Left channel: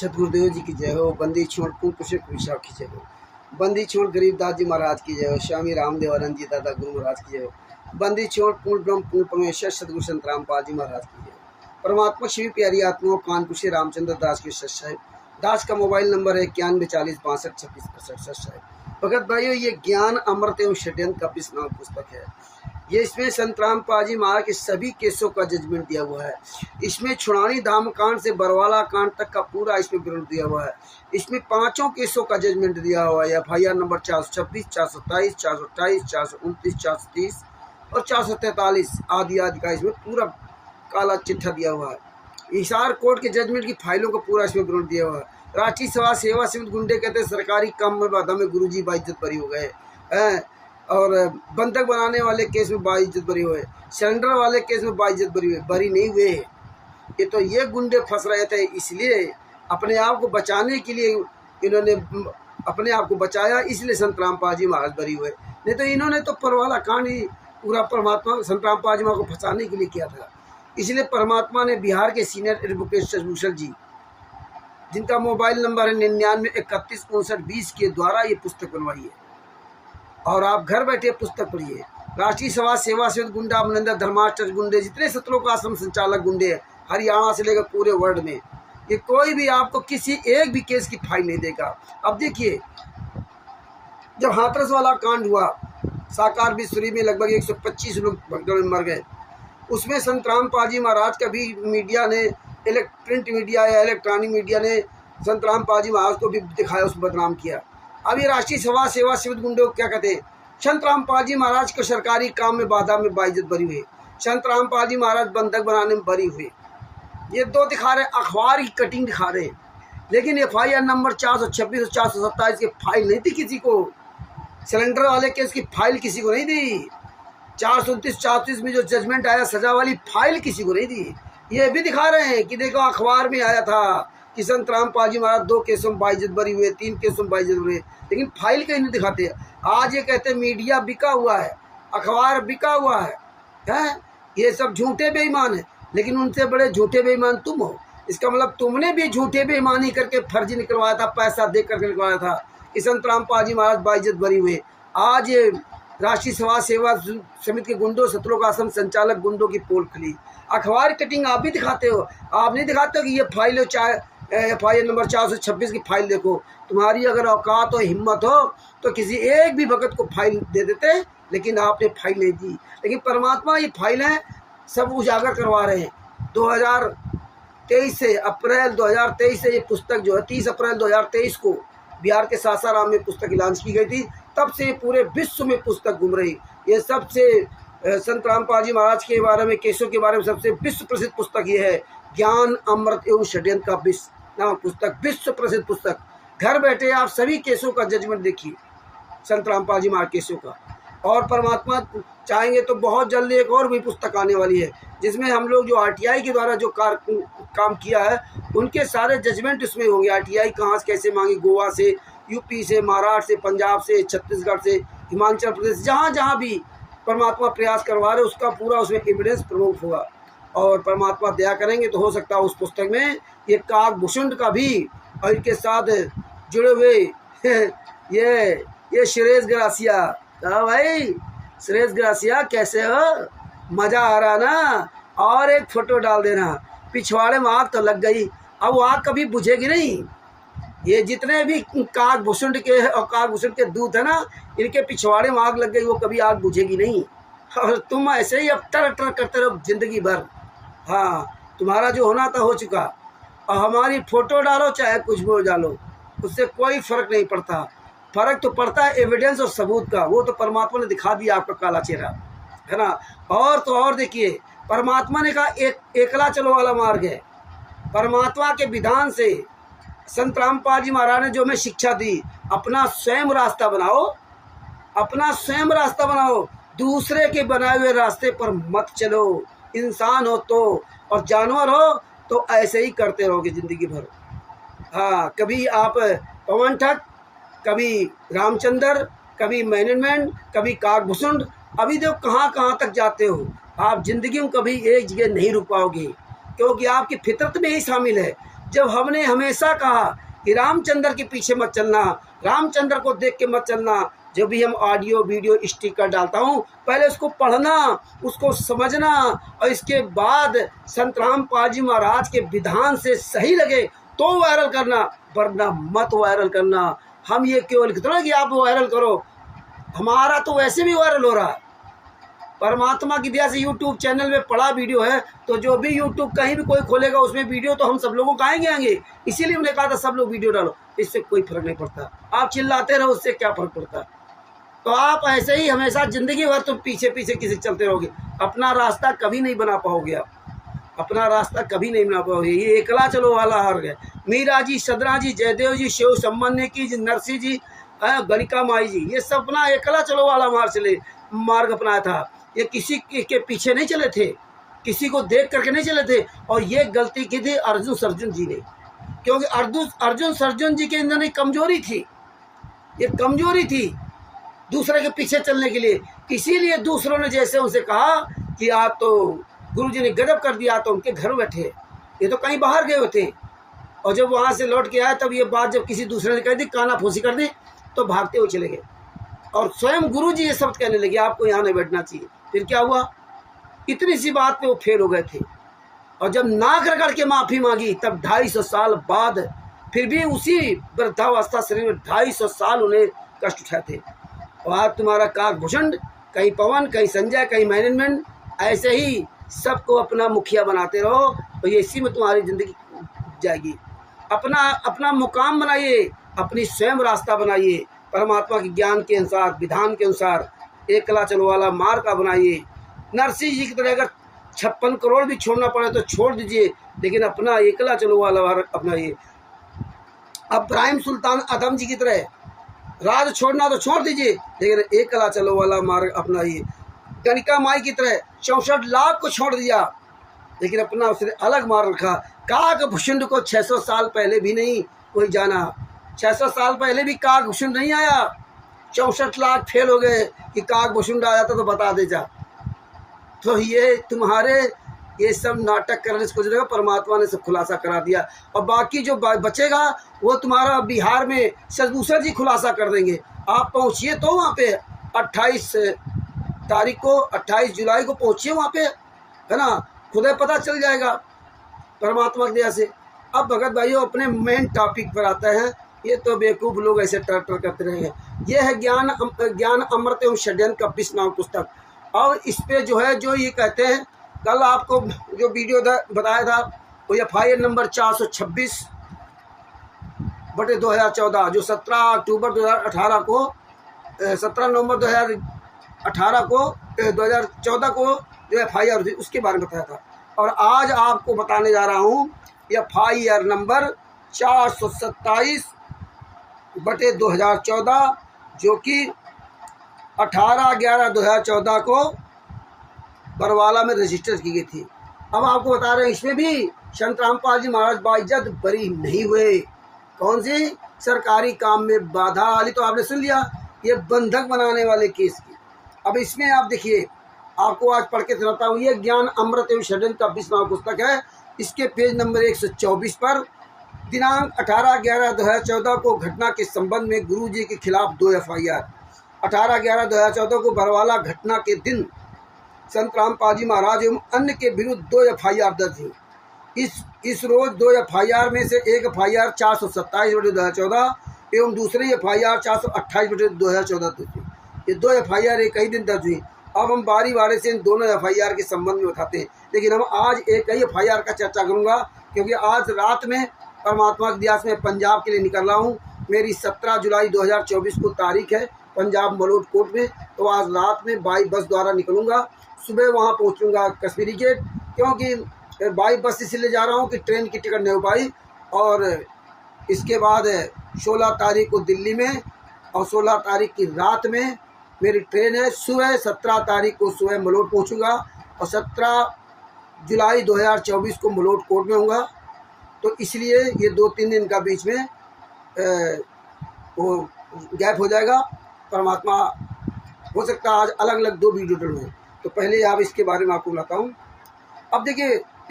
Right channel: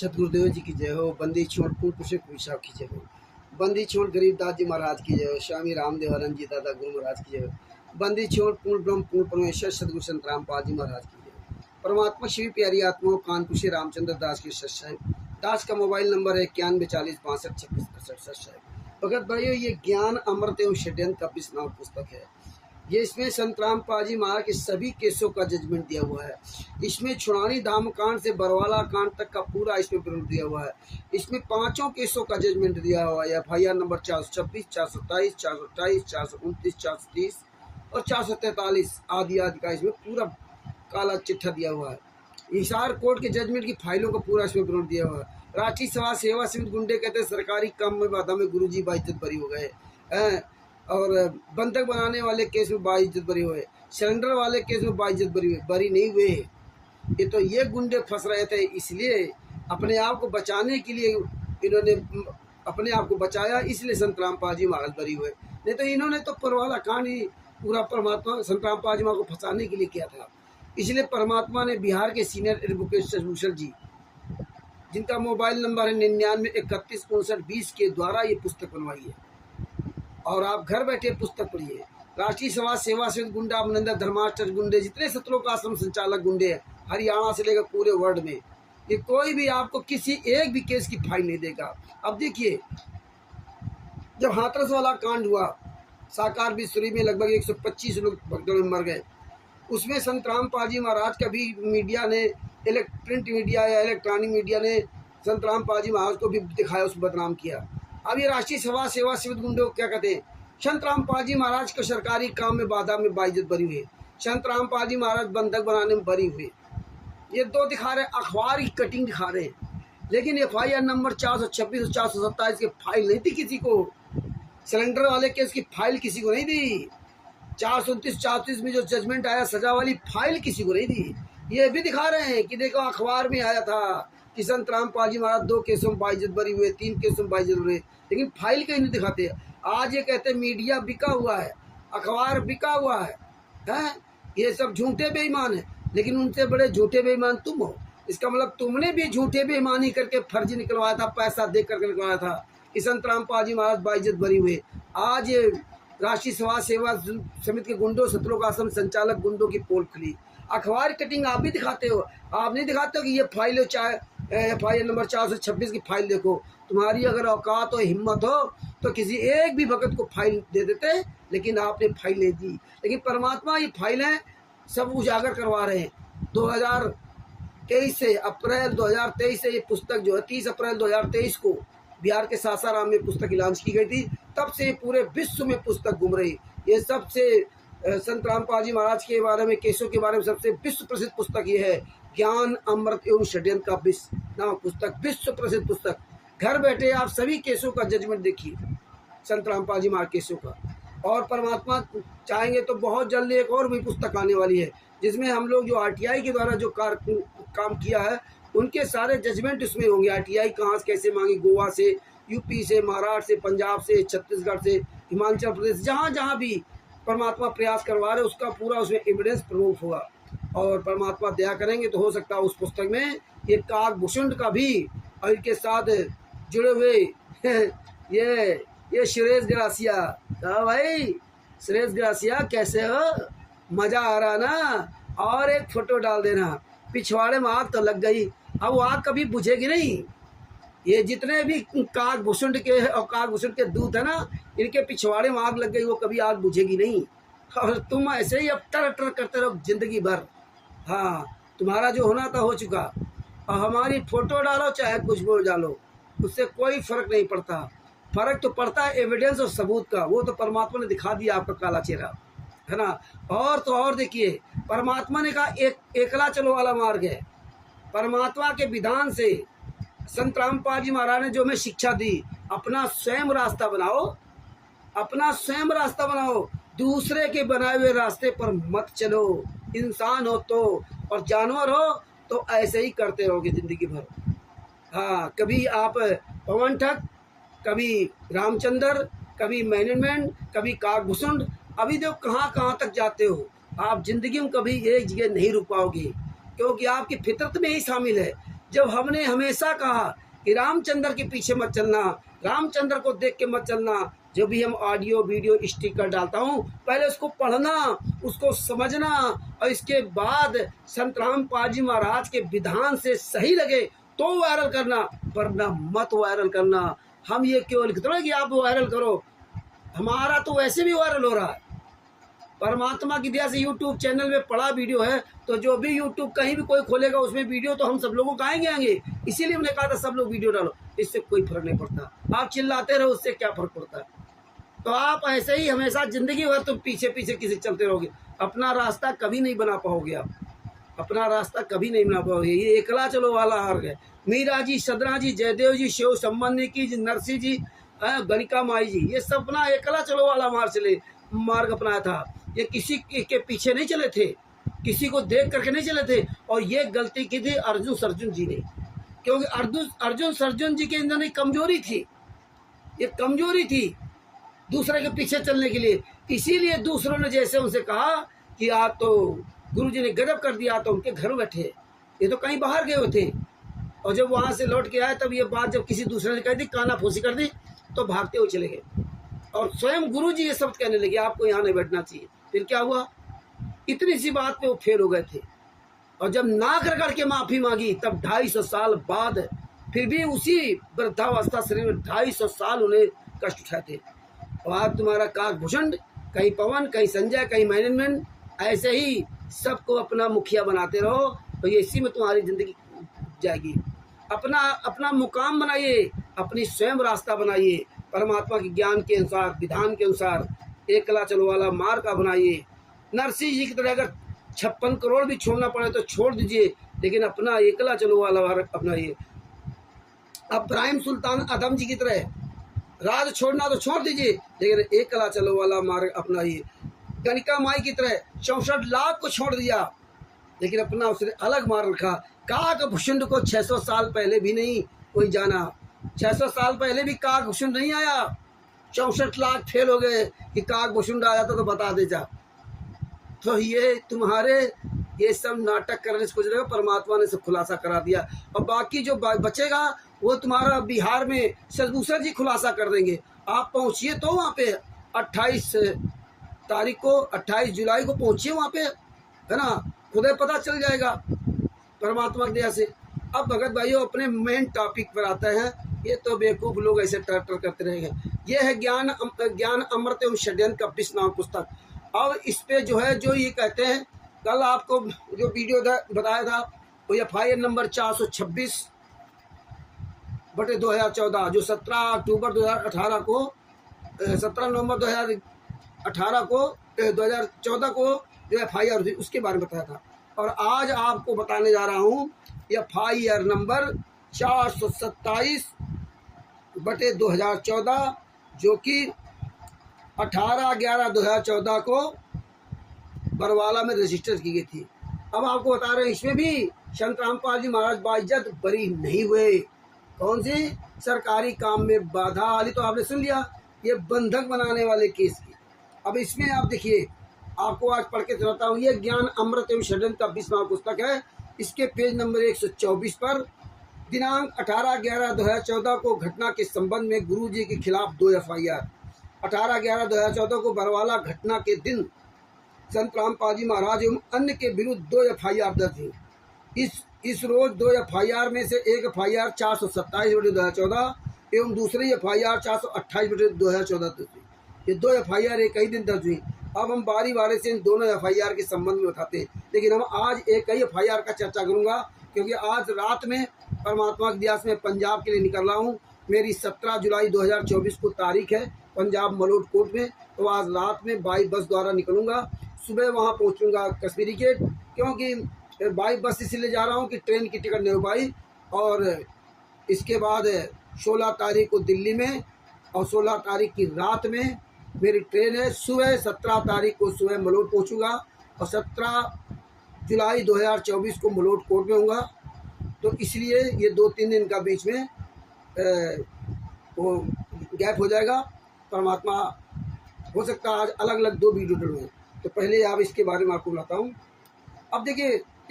सतगुरुदेव जी की जय हो। बंदी छोड़ पूर्ण पुरुष विशाख की जय हो। बंदी छोड़ गरीबदास जी महाराज की जय हो। स्वामी रामदेवानंद जी दादा गुरु महाराज की जय हो। बंदी छोड़ पूर्ण ब्रह्म पूर्ण परमेश्वर सतगुरु संत रामपाल जी महाराज की जय हो। परमात्मा श्री प्यारी आत्माओं कानपुर से रामचंद्र दास के सच दास का मोबाइल नंबर है 91406256 भगत भाइयों, ये ज्ञान अमृत एवं षड्यंत्र का 20 नाम पुस्तक है। ये इसमें संत रामपाल जी महाराज के सभी केसों का जजमेंट दिया हुआ है। इसमें छुड़ानी धाम कांड से बरवाला कांड तक का पूरा इसमें विवरण दिया हुआ है। इसमें 5 केसों का जजमेंट दिया हुआ है। FIR नंबर 426, 427, 428, 429, 430 और 443 आदि आदि का इसमें पूरा काला चिट्ठा दिया हुआ है। हिसार कोर्ट के जजमेंट की फाइलों का पूरा इसमें विवरण दिया हुआ है। राष्ट्रीय सभा सेवा समिति गुंडे कहते सरकारी काम में बाधा में गुरुजी बाइज्जत बरी हो गए और बंधक बनाने वाले केस में बाइज्जत बरी हुए, सिलेंडर वाले केस में बाइज्जत बरी नहीं हुए। ये तो ये गुंडे फंस रहे थे, इसलिए अपने आप को बचाने के लिए इन्होंने अपने आप को बचाया, इसलिए संत रामपाल जी महाराज बरी हुए। नहीं तो इन्होंने तो परवाला कांड ही पूरा परमात्मा संत रामपाल जी महाराज को फंसाने के लिए किया था। इसलिए परमात्मा ने बिहार के सीनियर एडवोकेट शशभूषण जी, जिनका मोबाइल नंबर है 99315920 के द्वारा ये पुस्तक बनवाई है और आप घर बैठे पुस्तक पढ़िए। राष्ट्रीय सभा सेवा समिति गुंडा अमरिंदर धर्माष्टक गुंडे, जितने सत्रों का आश्रम संचालक गुंडे हैं हरियाणा से लेकर पूरे वर्ल्ड में, ये कोई भी आपको किसी एक भी केस की फाइल नहीं देगा। अब देखिए, जब हाथरस वाला कांड हुआ, साकार बिस्वरी में लगभग 125 लोग भगदड़ में मर गए, उसमें संत रामपाल जी महाराज का भी मीडिया ने, प्रिंट मीडिया या इलेक्ट्रॉनिक मीडिया ने संत रामपाल जी महाराज को भी दिखाया, उसको बदनाम किया। अब ये राष्ट्रीय सभा सेवा समिति गुंडों क्या कहते हैं, संत रामपाल जी महाराज को सरकारी काम में बाधा में बाइज्जत बरी हुए, संत रामपाल जी महाराज बंधक बनाने में बरी हुए। ये दो दिखा रहे, अखबार की कटिंग दिखा रहे, लेकिन FIR नंबर 426 और 427 की फाइल नहीं थी किसी को। सिलेंडर वाले केस की फाइल किसी को नहीं दी। 429, 430 में जो जजमेंट आया सजा वाली फाइल किसी को नहीं दी। ये भी दिखा रहे हैं कि देखो अखबार में आया था कि संत रामपाल जी महाराज 2 केसों में बाइज्जत बरी हुए, 3 केसों में बाइज्जत हुए, लेकिन फाइल कहीं नहीं दिखाते। आज ये कहते हैं मीडिया बिका हुआ है, अखबार बिका हुआ है? ये सब झूठे बेईमान है, लेकिन उनसे बड़े झूठे बेईमान तुम हो। इसका मतलब तुमने भी झूठे बेईमानी करके फर्जी निकलवाया था, पैसा दे करके निकलवाया था कि संत रामपाल जी महाराज बाइज्जत बरी हुए। आज ये राष्ट्रीय सभा सेवा समिति के गुंडों, सत्रों का आश्रम संचालक गुंडों की पोल खुली। अखबार कटिंग आप भी दिखाते हो, आप नहीं दिखाते हो कि ये फाइल चाहे FIR नंबर 426 की फाइल देखो। तुम्हारी अगर औकात और हिम्मत हो तो किसी एक भी भगत को फाइल दे देते, लेकिन आपने फाइल नहीं दी। लेकिन परमात्मा ये फाइलें सब उजागर करवा रहे हैं। 2023 से, अप्रैल 2023 से ये पुस्तक जो है 30 अप्रैल 2023 को बिहार के सासाराम में पुस्तक लॉन्च की गई थी। तब से पूरे विश्व में पुस्तक घूम रही। ये सबसे संत रामपाल जी महाराज के बारे में, केसों के बारे में सबसे विश्व प्रसिद्ध पुस्तक ये है, ज्ञान अमृत एवं षड्यंत्र का 20 नाम पुस्तक, विश्व प्रसिद्ध पुस्तक। घर बैठे आप सभी केसों का जजमेंट देखिए, संत रामपाल जी महाराज केसों का। और परमात्मा चाहेंगे तो बहुत जल्दी एक और भी पुस्तक आने वाली है, जिसमें हम लोग जो RTI के द्वारा जो काम किया है उनके सारे जजमेंट उसमें होंगे। RTI कहाँ से कैसे मांगी, गोवा से, UP से, महाराष्ट्र से, पंजाब से, छत्तीसगढ़ से, हिमाचल प्रदेश, जहाँ जहाँ भी परमात्मा प्रयास करवा रहे उसका पूरा उसमें एविडेंस प्रूफ होगा। और परमात्मा दया करेंगे तो हो सकता है उस पुस्तक में ये काकभूषण का भी और इनके साथ जुड़े हुए ये सुरेश ग्रासिया। हाँ भाई, सुरेश ग्रासिया कैसे हो, मज़ा आ रहा ना? और एक फ़ोटो डाल देना। पिछवाड़े में आग तो लग गई, अब वो आग कभी बुझेगी नहीं। ये जितने भी काकभूषण के और काकभूषण के दूत है ना, इनके पिछवाड़े में आग लग गई, वो कभी आग बुझेगी नहीं। और तुम ऐसे ही अब टर करते रहो जिंदगी भर। हाँ, तुम्हारा जो होना था हो चुका। और हमारी फ़ोटो डालो चाहे कुछ भी डालो, उससे कोई फ़र्क नहीं पड़ता। फ़र्क तो पड़ता है एविडेंस और सबूत का। वो तो परमात्मा ने दिखा दिया आपका काला चेहरा, है ना। और तो और देखिए, परमात्मा ने कहा एकला चलो वाला मार्ग है। परमात्मा के विधान से संत रामपाल जी महाराज ने जो हमें शिक्षा दी, अपना स्वयं रास्ता बनाओ, अपना स्वयं रास्ता बनाओ, दूसरे के बनाए हुए रास्ते पर मत चलो। इंसान हो तो और जानवर हो तो ऐसे ही करते रहोगे ज़िंदगी भर। हाँ, कभी आप पवन ठग, कभी रामचंद्र, कभी मैनेजमेंट, कभी काकभूषण, अभी देखो कहाँ कहाँ तक जाते हो। आप ज़िंदगी में कभी एक जगह नहीं रुक पाओगे, क्योंकि आपकी फितरत में ही शामिल है। जब हमने हमेशा कहा कि रामचंद्र के पीछे मत चलना, रामचंद्र को देख के मत चलना, जब भी हम ऑडियो वीडियो स्टिकर डालता हूँ पहले उसको पढ़ना, उसको समझना और इसके बाद संत रामपाल जी महाराज के विधान से सही लगे तो वायरल करना, वरना मत वायरल करना। हम ये क्यों लिखते हैं कि आप वायरल करो, हमारा तो वैसे भी वायरल हो रहा है। परमात्मा की दया से यूट्यूब चैनल में पड़ा वीडियो है, तो जो भी यूट्यूब कहीं भी कोई खोलेगा उसमें वीडियो तो हम सब लोगों को आएंगे। इसीलिए हमने कहा था सब लोग वीडियो डालो, इससे कोई फर्क नहीं पड़ता। आप चिल्लाते रहो, उससे क्या फर्क पड़ता। तो आप ऐसे ही हमेशा जिंदगी भर तो पीछे पीछे किसी चलते रहोगे, अपना रास्ता कभी नहीं बना पाओगे। आप अपना रास्ता कभी नहीं बना पाओगे। ये एकला चलो वाला हार गया। मीरा जी, सदरा जी, जयदेव जी, शिव सम्मान की जी, नरसिंह जी, गणिका माई जी, ये सब अपना एकला चलो वाला मार्ग अपनाया था। ये किसी के पीछे नहीं चले थे, किसी को देख करके नहीं चले थे। और ये गलती की थी अर्जुन जी ने, क्योंकि अर्जुन जी के अंदर एक कमजोरी थी, ये कमजोरी थी दूसरे के पीछे चलने के लिए। इसीलिए दूसरों ने जैसे उनसे कहा कि आप तो गुरुजी ने गजब कर दिया, तो उनके घर बैठे, ये तो कहीं बाहर गए हुए थे। और जब वहाँ से लौट के आए तब ये बात जब किसी दूसरे ने कह दी, काना फूसी कर दी, तो भागते हुए चले गए। और स्वयं गुरुजी ये शब्द कहने लगे आपको यहाँ नहीं बैठना चाहिए। फिर क्या हुआ, इतनी सी बात पे वो फेल हो गए थे। और जब नाक रगड़ के माफ़ी मांगी तब 250 साल बाद फिर भी उसी वृद्धावस्था शरीर में 250 साल उन्हें कष्ट उठाए थे। और आज तुम्हारा काकभूषण, कहीं पवन, कहीं संजय, कहीं मैनेजमेंट, ऐसे ही सबको अपना मुखिया बनाते रहो, तो ये इसी में तुम्हारी ज़िंदगी जाएगी। अपना मुकाम बनाइए, अपनी स्वयं रास्ता बनाइए, परमात्मा के ज्ञान के अनुसार, विधान के अनुसार एकला चलो वाला मार्ग का बनाइए। नरसिंह जी की तरह अगर 56 करोड़ भी छोड़ना पड़े तो छोड़ दीजिए, लेकिन अपना एकला चलो वाला मार्ग अपनाइए। अब इब्राहिम सुल्तान आदम जी की तरह राज छोड़ना तो छोड़ दीजिए, लेकिन एकला चलो वाला मार्ग अपनाइए। गणिका माई की तरह 64 लाख को छोड़ दिया, लेकिन अपना उसने अलग मार्ग रखा। काकभूषुंड को 600 साल पहले भी नहीं कोई जाना, 600 साल पहले भी काकभूषुंड नहीं आया। 64 लाख फेल हो गए कि काकभूषुंड आ जाता तो बता दे जा। तो ये तुम्हारे ये सब नाटक करने से कुछ नहीं, परमात्मा ने सब खुलासा करा दिया। और बाकी जो बचेगा वो तुम्हारा बिहार में सदभूषण जी खुलासा कर देंगे। आप पहुँचिए तो वहाँ पे 28 तारीख को, 28 जुलाई को पहुँचिए वहाँ पे, है ना, खुद पता चल जाएगा परमात्मा की दया से। अब भगत भाइयों अपने मेन टॉपिक पर आता है। ये तो बेवकूफ़ लोग ऐसे टर करते रहेंगे। ये है ज्ञान अमृत एवं षड्यंत्र का 20 नाम पुस्तक। अब इस पे जो है, जो ये कहते हैं, कल आपको जो वीडियो बताया था वो FIR नंबर 426/2014 जो 17 अक्टूबर 2018 को 17 नवंबर 2018 को 2014 को जो FIR थी उसके बारे में बताया था। और आज आपको बताने जा रहा हूँ FIR नंबर 427/2014 जो कि 18/11/2014 को बरवाला में रजिस्टर की गई थी। अब आपको बता रहे हैं इसमें भी संत रामपाल जी महाराज बाइज्जत बरी नहीं हुए। कौन सी? सरकारी काम में बाधा वाली तो आपने सुन लिया, ये बंधक बनाने वाले केस की। अब इसमें आप देखिए, आपको आज पढ़ के सुनाता हूँ। ये ज्ञान अमृत एवं षड्यंत्र का 20 नाम पुस्तक है। इसके पेज नंबर 124 पर दिनांक 18/11/2014 को घटना के संबंध में गुरु जी के खिलाफ 2 FIR। 18/11/2014 को बरवाला घटना के दिन संत रामपाल जी महाराज एवं अन्य के विरुद्ध 2 FIR दर्ज हुई। इस रोज 2 FIR में से एक FIR 427/2014 एवं दूसरी FIR 428/2014 दर्ज हुई। ये 2 FIR एक ही दिन दर्ज हुई। अब हम बारी बारी से इन दोनों FIR के संबंध में बताते हैं, लेकिन हम आज एक ही FIR का चर्चा करूंगा, क्योंकि आज रात में परमात्मा के दया से मैं पंजाब के लिए निकल रहा हूं। मेरी 17 जुलाई 2024 को तारीख है पंजाब मलोट कोर्ट में। तो आज रात में बाई बस द्वारा निकलूंगा, सुबह वहां पहुंचूंगा कश्मीरी गेट, क्योंकि बाई बस इसलिए जा रहा हूं कि ट्रेन की टिकट नहीं हो पाई। और इसके बाद 16 तारीख को दिल्ली में और 16 तारीख की रात में मेरी ट्रेन है। सुबह 17 तारीख को सुबह मलोट पहुंचूंगा और 17 जुलाई 2024 को मलोट कोर्ट में होऊंगा। तो इसलिए ये 2-3 दिन का बीच में वो गैप हो जाएगा। परमात्मा हो सकता है आज अलग अलग 2 वीडियो डलवाएं। तो पहले आप इसके बारे में आपको बताता हूँ। अब देखिए,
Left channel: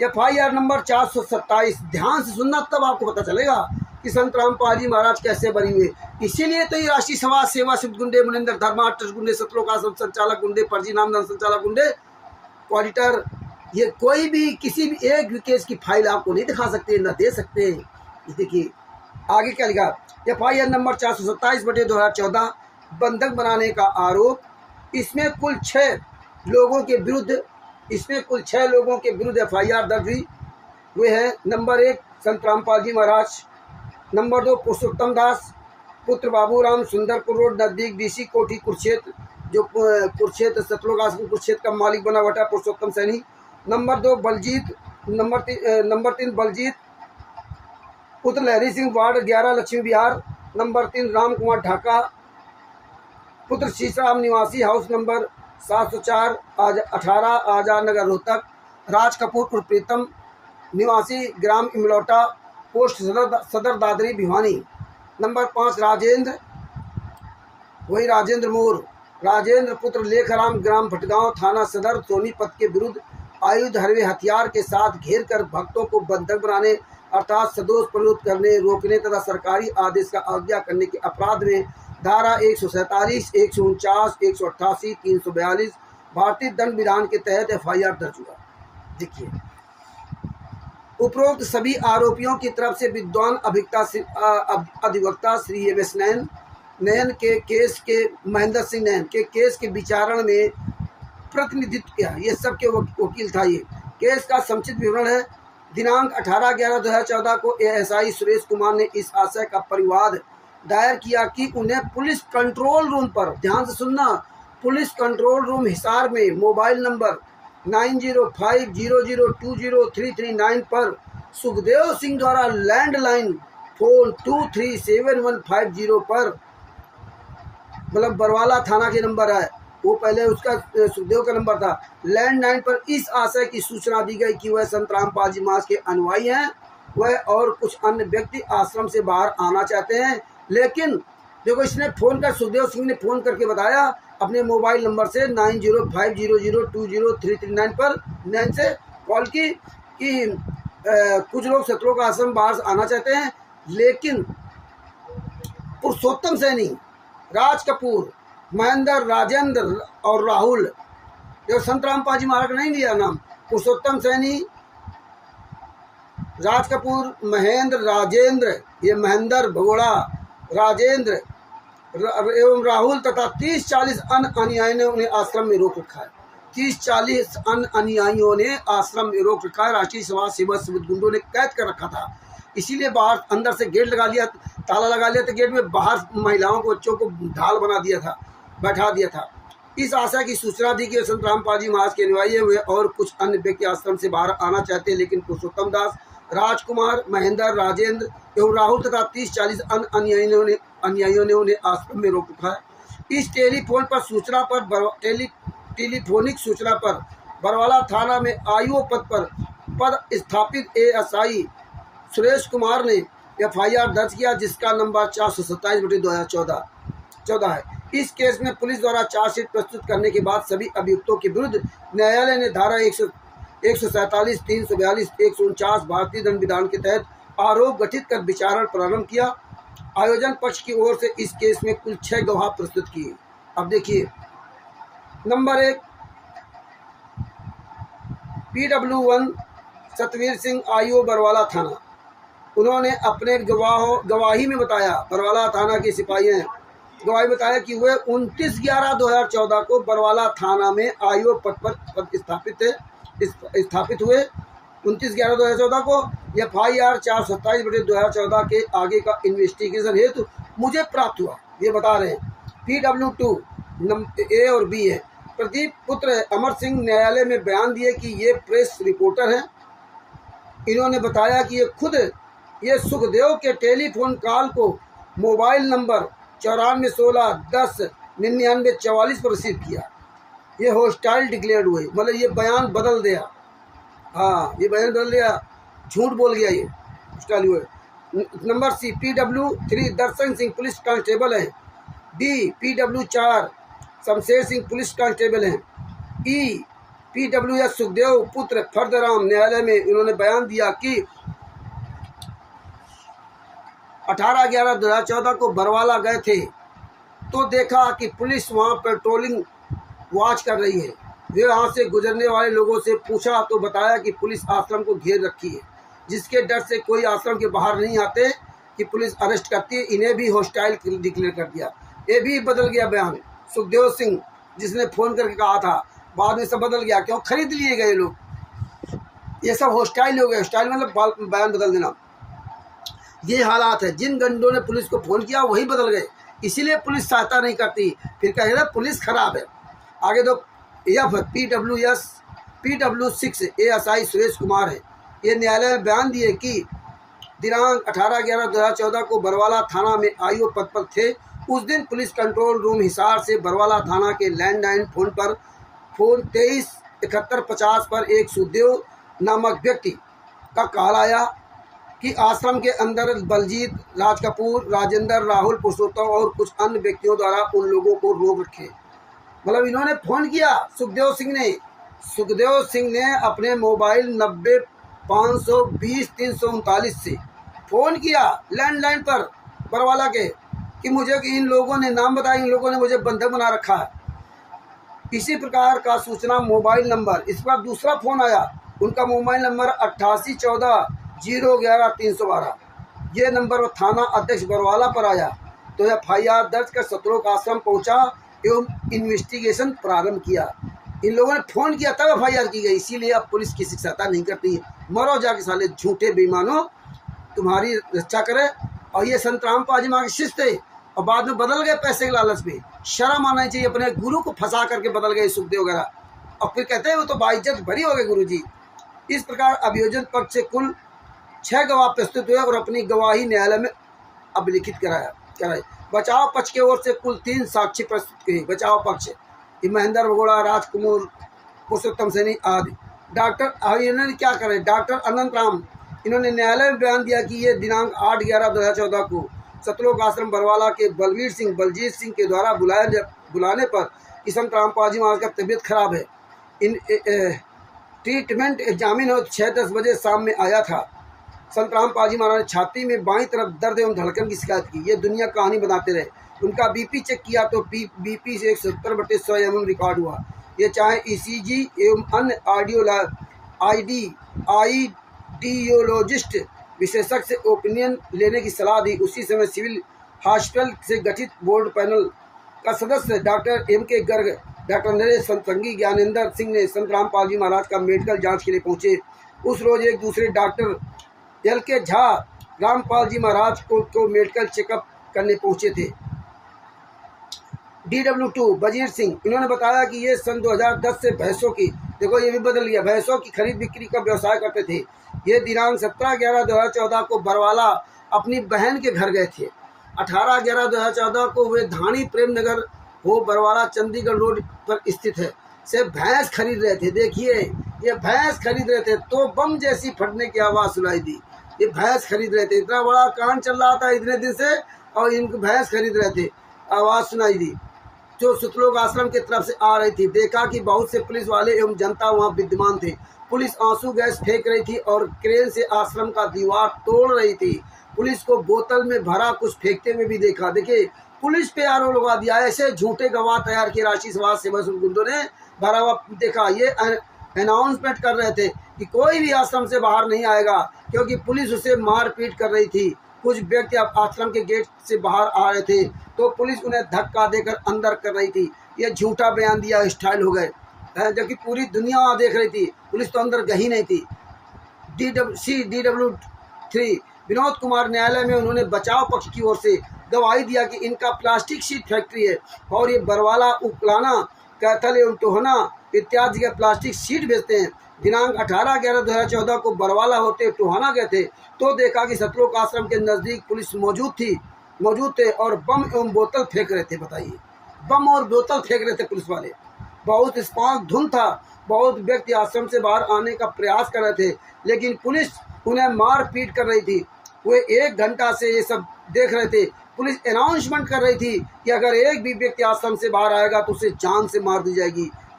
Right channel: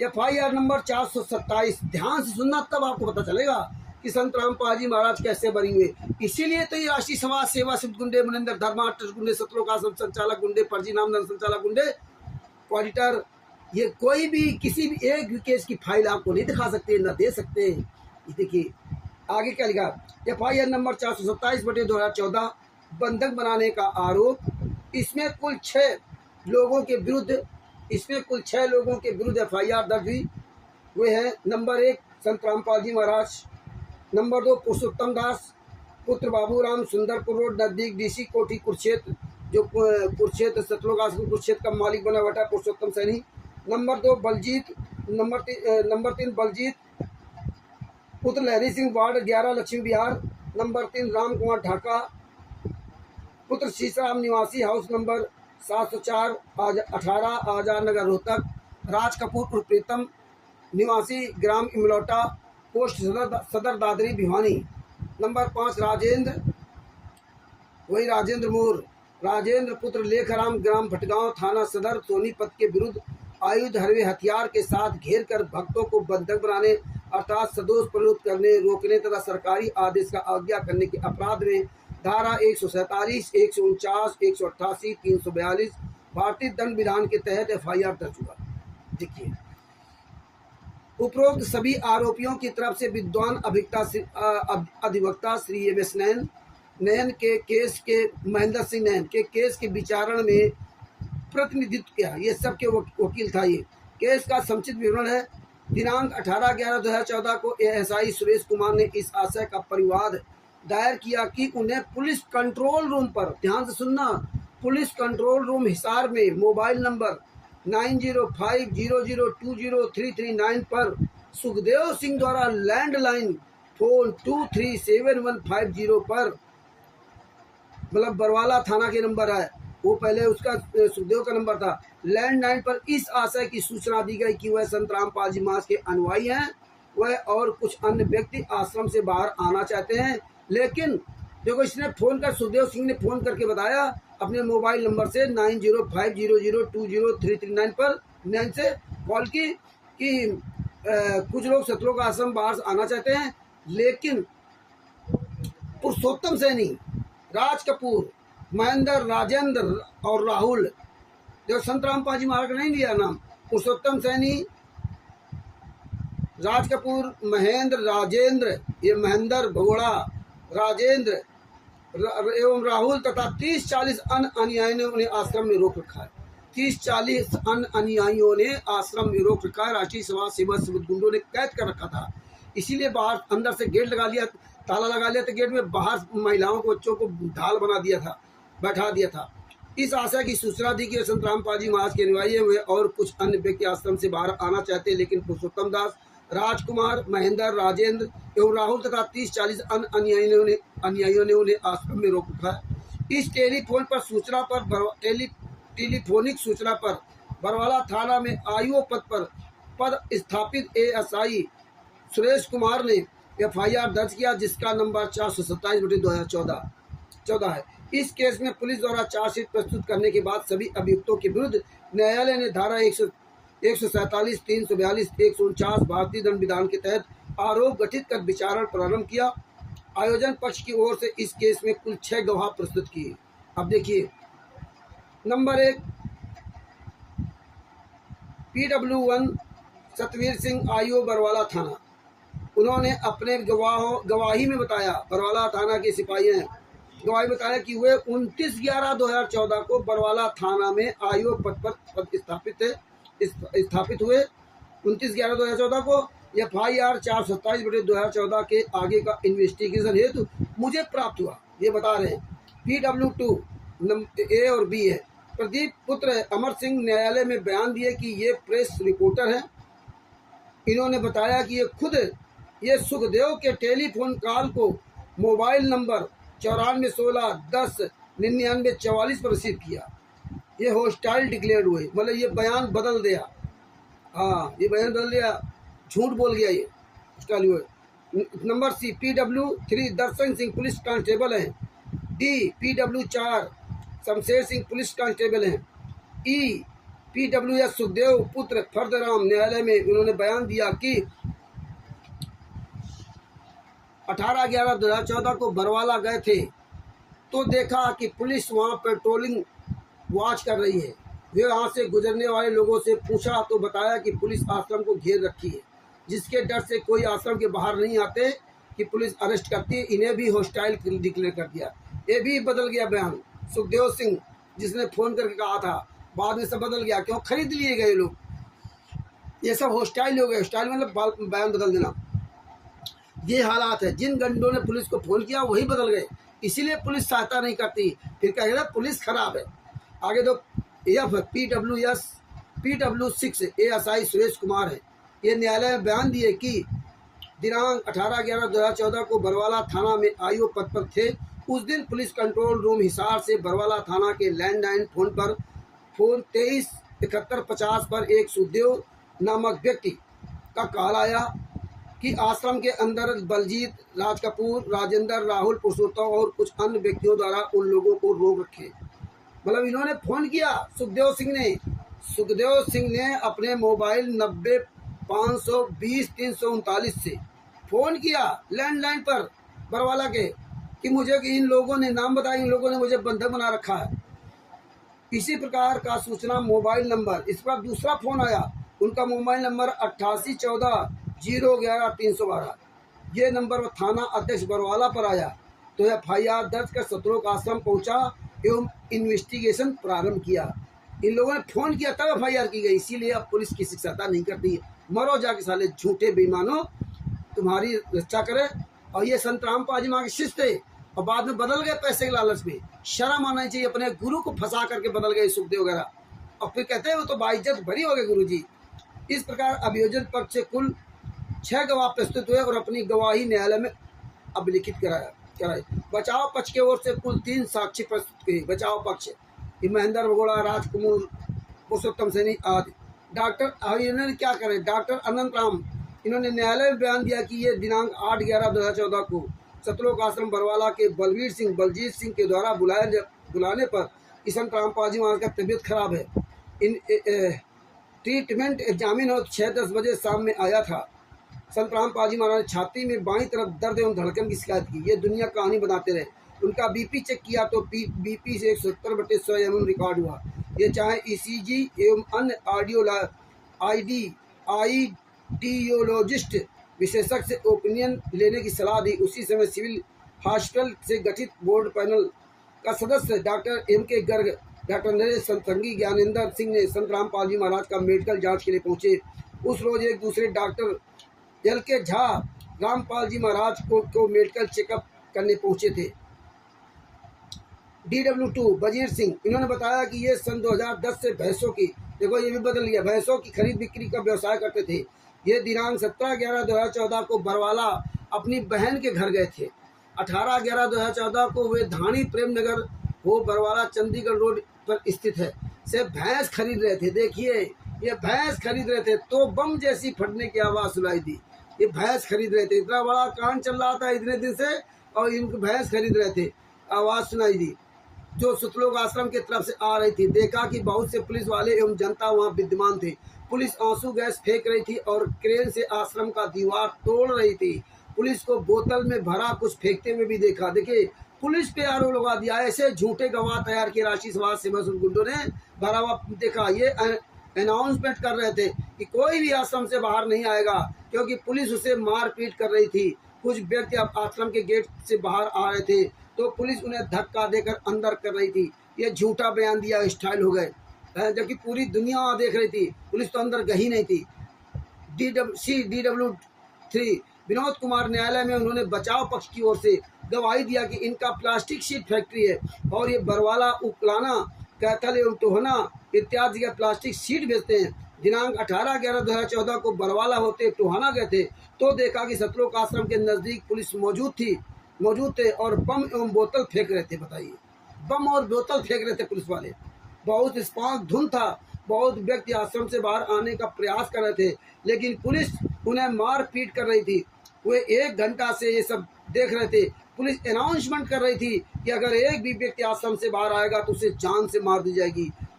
FIR नंबर 427। ध्यान से सुनना, तब आपको पता चलेगा कि संत रामपाल जी महाराज कैसे बनी हुए। इसीलिए तो ये राष्ट्रीय समाज सेवा सिद्ध गुंडे, मुनिंदर धर्मा ट्रस्ट गुंडे, सतलोक आश्रम संचालक गुंडे, फर्जी नामदान संचालक गुंडे, ऑडिटर, ये कोई भी किसी भी एक भी केस की फाइल आपको नहीं दिखा सकते, ना दे सकते। ये देखिए आगे क्या लिखा। FIR नंबर 427/2014 बंधक बनाने का आरोप। इसमें कुल 6 लोगों के विरुद्ध FIR दर्ज हुए हैं। नंबर 1 संत रामपाल जी महाराज, नंबर 2 पुरुषोत्तम दास पुत्र बाबूराम, सुंदरपुर रोड नजदीक DC कोठी कुरुक्षेत्र, जो कुरुक्षेत्र सतलोक आश्रम कुरुक्षेत्र का मालिक बना हुआ था पुरुषोत्तम सैनी। नंबर 2 बलजीत, नंबर 3 बलजीत पुत्र लहरी सिंह, वार्ड 11 लक्ष्मी विहार। नंबर 3 राम कुमार ढाका पुत्र शीशराम, निवासी हाउस नंबर 704 18 आजाद नगर रोहतक। राज कपूर उर्फ प्रीतम, निवासी ग्राम इमलौटा, पोस्ट सदर दादरी भिवानी। नंबर 5 राजेंद्र, वही राजेंद्र मोर, राजेंद्र पुत्र लेखराम, ग्राम भटगांव, थाना सदर सोनीपत के विरुद्ध आयुध हरवे हथियार के साथ घेर कर भक्तों को बंधक बनाने अर्थात सदोष प्रवृत्त करने, रोकने तथा सरकारी आदेश का अवज्ञा करने के अपराध में धारा 147, 149, 188, 342 भारतीय दंड विधान के तहत FIR दर्ज हुआ। देखिए उपरोक्त सभी आरोपियों की तरफ से विद्वान अधिवक्ता श्री MS नयन के केस के महेंद्र सिंह नयन के केस के विचारण में प्रतिनिधित्व किया। ये सबके वकील था। ये केस का संक्षिप्त विवरण है। दिनांक 18/11/2014 को ASI सुरेश कुमार ने इस आशय का परिवाद दायर किया कि उन्हें पुलिस कंट्रोल रूम पर, ध्यान से सुनना, पुलिस कंट्रोल रूम हिसार में मोबाइल नंबर 9050020339 पर सुखदेव सिंह द्वारा लैंडलाइन फोन 237150 पर, मतलब बरवाला थाना के नंबर है वो, पहले उसका सुखदेव का नंबर था, लैंडलाइन पर इस आशय की सूचना दी गई कि वह संत रामपाल जी महाराज के अनुयायी हैं, वह और कुछ अन्य व्यक्ति आश्रम से बाहर आना चाहते हैं। लेकिन देखो इसने फ़ोन कर, सुखदेव सिंह ने फ़ोन करके बताया अपने मोबाइल नंबर से 9050020339 पर 9 से कॉल की कि कुछ लोग सतलोक आश्रम बाहर आना चाहते हैं। लेकिन पुरुषोत्तम सैनी, राज कपूर, महेंद्र, राजेंद्र और राहुल, देखो संत रामपाल जी महाराज नहीं लिया नाम, पुरुषोत्तम सैनी, राज कपूर, महेंद्र, राजेंद्र, ये महेंद्र भगोड़ा, राजेंद्र एवं राहुल तथा 30-40 अन्य अनुयायियों ने उन्हें आश्रम में रोक रखा है। 30-40 अन्य अनुयायियों ने आश्रम में रोक रखा है। राष्ट्रीय समाज सेवा सिद्ध गुंडों ने कैद कर रखा था। इसीलिए बाहर अंदर से गेट लगा लिया, ताला लगा लिया, तो गेट में बाहर महिलाओं को, बच्चों को ढाल बना दिया था, बैठा दिया था। इस आशा की सूचना दी कि संत रामपाल जी महाराज के अनुयायी हुए और कुछ अन्य व्यक्ति आश्रम से बाहर आना चाहते हैं, लेकिन पुरुषोत्तम दास, राजकुमार, महेंद्र, राजेंद्र एवं राहुल तथा 30-40 अन्य अनुयायियों ने उन्हें आश्रम में रोक रखा है। इस टेलीफोनिक सूचना पर बरवाला थाना में आईओ पद स्थापित ASI सुरेश कुमार ने FIR दर्ज किया, जिसका नंबर 427/2014 है। इस केस में पुलिस द्वारा चार्जशीट प्रस्तुत करने के बाद सभी अभियुक्तों के विरुद्ध न्यायालय ने धारा 147, 342, 149 भारतीय दंड विधान के तहत आरोप गठित कर विचारण प्रारंभ किया। आयोजन पक्ष की ओर से इस केस में कुल 6 गवाह प्रस्तुत किए। अब देखिए number 1 PW1 Satveer Singh IO Barwala थाना, उन्होंने अपने गवाही में बताया, बरवाला थाना के सिपाही हैं, गवाही बताया कि वे 29/11/2014 को बरवाला थाना में IO पद पर स्थापित हुए। 29/11/2014 को FIR 427/2014 के आगे का इन्वेस्टिगेशन हेतु मुझे प्राप्त हुआ। ये बता रहे हैं PW2 A और B है। प्रदीप पुत्र अमर सिंह न्यायालय में बयान दिए कि ये प्रेस रिपोर्टर हैं। इन्होंने बताया कि ये सुखदेव के टेलीफोन कॉल को मोबाइल नंबर 9416109944 पर रिसीव किया। ये हॉस्टाइल डिक्लेयर हुए, मतलब ये बयान बदल दिया। हाँ, ये बयान बदल दिया, झूठ बोल गया, ये हॉस्टाइल हुए। नंबर C PW3 दर्शन सिंह पुलिस कांस्टेबल हैं। D PW4 Shamsher Singh police constable हैं। E PWS सुखदेव पुत्र फर्दराम न्यायालय में उन्होंने बयान दिया कि 18/11/2014 को बरवाला गए थे तो देखा कि पुलिस वहां पेट्रोलिंग वॉच कर रही है। वे वहां से गुजरने वाले लोगों से पूछा तो बताया कि पुलिस आश्रम को घेर रखी है, जिसके डर से कोई आश्रम के बाहर नहीं आते कि पुलिस अरेस्ट करती है। इन्हें भी हॉस्टाइल डिक्लेयर कर दिया। ये भी बदल गया बयान। सुखदेव सिंह जिसने फ़ोन करके कहा था, बाद में सब बदल गया। क्यों? खरीद लिए गए लोग। ये सब हॉस्टाइल हो गए। हॉस्टाइल मतलब बयान बदल देना। ये हालात है। जिन गंडों ने पुलिस को फ़ोन किया वही बदल गए, इसीलिए पुलिस सहायता नहीं करती। फिर कह रहे पुलिस खराब है। आगे तो PW6 ASI सुरेश कुमार है। ये न्यायालय में बयान दिए कि दिनांक 18/11/2014 को बरवाला थाना में IO पद पर थे। उस दिन पुलिस कंट्रोल रूम हिसार से बरवाला थाना के लैंडलाइन फ़ोन 237150 पर एक सुखदेव नामक व्यक्ति का कॉल आया कि आश्रम के अंदर बलजीत, राज कपूर, राजेंद्र, राहुल, पुरुषोत्तम और कुछ अन्य व्यक्तियों द्वारा उन लोगों को रोक रखे। मतलब इन्होंने फ़ोन किया सुखदेव सिंह ने अपने मोबाइल 90-520-339 से फ़ोन किया लैंडलाइन पर बरवाला के कि मुझे इन लोगों ने नाम बताया, इन लोगों ने मुझे बंधक बना रखा है। इसी प्रकार का सूचना मोबाइल नंबर, इस पर दूसरा फ़ोन आया। उनका मोबाइल नंबर 8814-011-312। ये नंबर थाना अध्यक्ष बरवाला पर आया तो FIR दर्ज कर सत्रह आश्रम पहुंचा एवं इन्वेस्टिगेशन प्रारंभ किया। इन लोगों ने फ़ोन किया तब FIR की गई। इसीलिए अब पुलिस किसी की सहायता नहीं करती है। मरो जाके साले झूठे बेईमानों, तुम्हारी रक्षा करे। और ये संतराम पाजीमा के शिष्य थे और बाद में बदल गए पैसे के लालच में। शर्म आना चाहिए। अपने गुरु को फंसा करके बदल गए सुखदेव वगैरह, और फिर कहते हैं वो तो बाइज्जत भरी हो गए गुरु जी। इस प्रकार अभियोजन पक्ष से कुल 6 गवाह प्रस्तुत हुए और अपनी गवाही न्यायालय में अभिलिखित कराई। बचाव पक्ष की ओर से कुल 3 साक्षी प्रस्तुत किए। बचाव पक्ष महेंद्र भगोड़ा, राजकुमार, पुरुषोत्तम सैनी आदि। इन्होंने क्या करे? डॉक्टर अनंत राम, इन्होंने न्यायालय में बयान दिया कि ये दिनांक 8/11/2014 को सतलोक आश्रम बरवाला के बलजीत सिंह के द्वारा बुलाने पर कि संतराम पाजी महाराज का तबीयत खराब है, इन ट्रीटमेंट एग्जामिन हो 6-10 बजे शाम में आया था। संतराम पाजी महाराज ने छाती में बाईं तरफ दर्द एवं धड़कन की शिकायत की। ये दुनिया कहानी बनाते रहे। उनका BP चेक किया तो BP से 170/100 mm रिकॉर्ड हुआ। ये चाहे ECG एवं अन्य आइडियोलॉजिस्ट विशेषज्ञ से ओपिनियन लेने की सलाह दी। उसी समय सिविल हॉस्पिटल से गठित बोर्ड पैनल का सदस्य doctor MK Garg, doctor Naresh संगी, ज्ञानेंद्र सिंह ने संतराम पालजी महाराज का मेडिकल जांच के लिए पहुंचे। उस रोज एक दूसरे डॉक्टर LK झा रामपाल जी महाराज को मेडिकल चेकअप करने पहुंचे थे। DW2 वजीर सिंह, इन्होंने बताया कि ये सन 2010 से भैंसों की, देखो ये भी बदल गया, भैंसों की खरीद बिक्री का व्यवसाय करते थे। ये दिनांक 17/11/2014 को बरवाला अपनी बहन के घर गए थे। 18/11/2014 को वे धानी प्रेम नगर हो बरवाला चंडीगढ़ रोड पर स्थित है से भैंस खरीद रहे थे। देखिए ये भैंस खरीद रहे थे तो बम जैसी फटने की आवाज़ सुनाई दी। ये भैंस खरीद रहे थे, इतना बड़ा कांड चल रहा था इतने दिन से और इनको भैंस खरीद रहे थे, आवाज़ सुनाई दी जो सतलोक आश्रम की तरफ से आ रही थी। देखा कि बहुत से पुलिस वाले एवं जनता वहां विद्यमान थे। पुलिस आंसू गैस फेंक रही थी और क्रेन से आश्रम का दीवार तोड़ रही थी। पुलिस को बोतल में भरा कुछ फेंकते हुए भी देखा। देखिए पुलिस पे आरोप लगा दिया। ऐसे झूठे गवाह तैयार किए राशि समाज सेवा गुंडों ने भरा हुआ। देखा ये अनाउंसमेंट कर रहे थे कि कोई भी आश्रम से बाहर नहीं आएगा, क्योंकि पुलिस उसे मारपीट कर रही थी। कुछ व्यक्ति अब आश्रम के गेट से बाहर आ रहे थे तो पुलिस उन्हें धक्का देकर अंदर कर रही थी। ये झूठा बयान दिया, स्टाइल हो गए, जबकि पूरी दुनिया वहाँ देख रही थी। पुलिस तो अंदर गई नहीं थी। DW3 विनोद कुमार, न्यायालय में उन्होंने बचाव पक्ष की ओर से गवाही दिया कि इनका प्लास्टिक शीट फैक्ट्री है और ये बरवाला, उकलाना, कैथल एवं टोहना इत्यादि के प्लास्टिक शीट बेचते हैं। दिनांक 18/11/2014 को बरवाला होते टोहाना गए थे तो देखा कि सतलोक आश्रम के नज़दीक पुलिस मौजूद थे और बम एवं बोतल फेंक रहे थे। बताइए, बम और बोतल फेंक रहे थे पुलिस वाले। बहुत स्पार्क धुंध था। बहुत व्यक्ति आश्रम से बाहर आने का प्रयास कर रहे थे, लेकिन पुलिस उन्हें मार पीट कर रही थी। वे 1 घंटा से ये सब देख रहे थे। पुलिस अनाउंसमेंट कर रही थी कि अगर एक भी व्यक्ति आश्रम से बाहर आएगा तो उसे जान से मार दी जाएगी।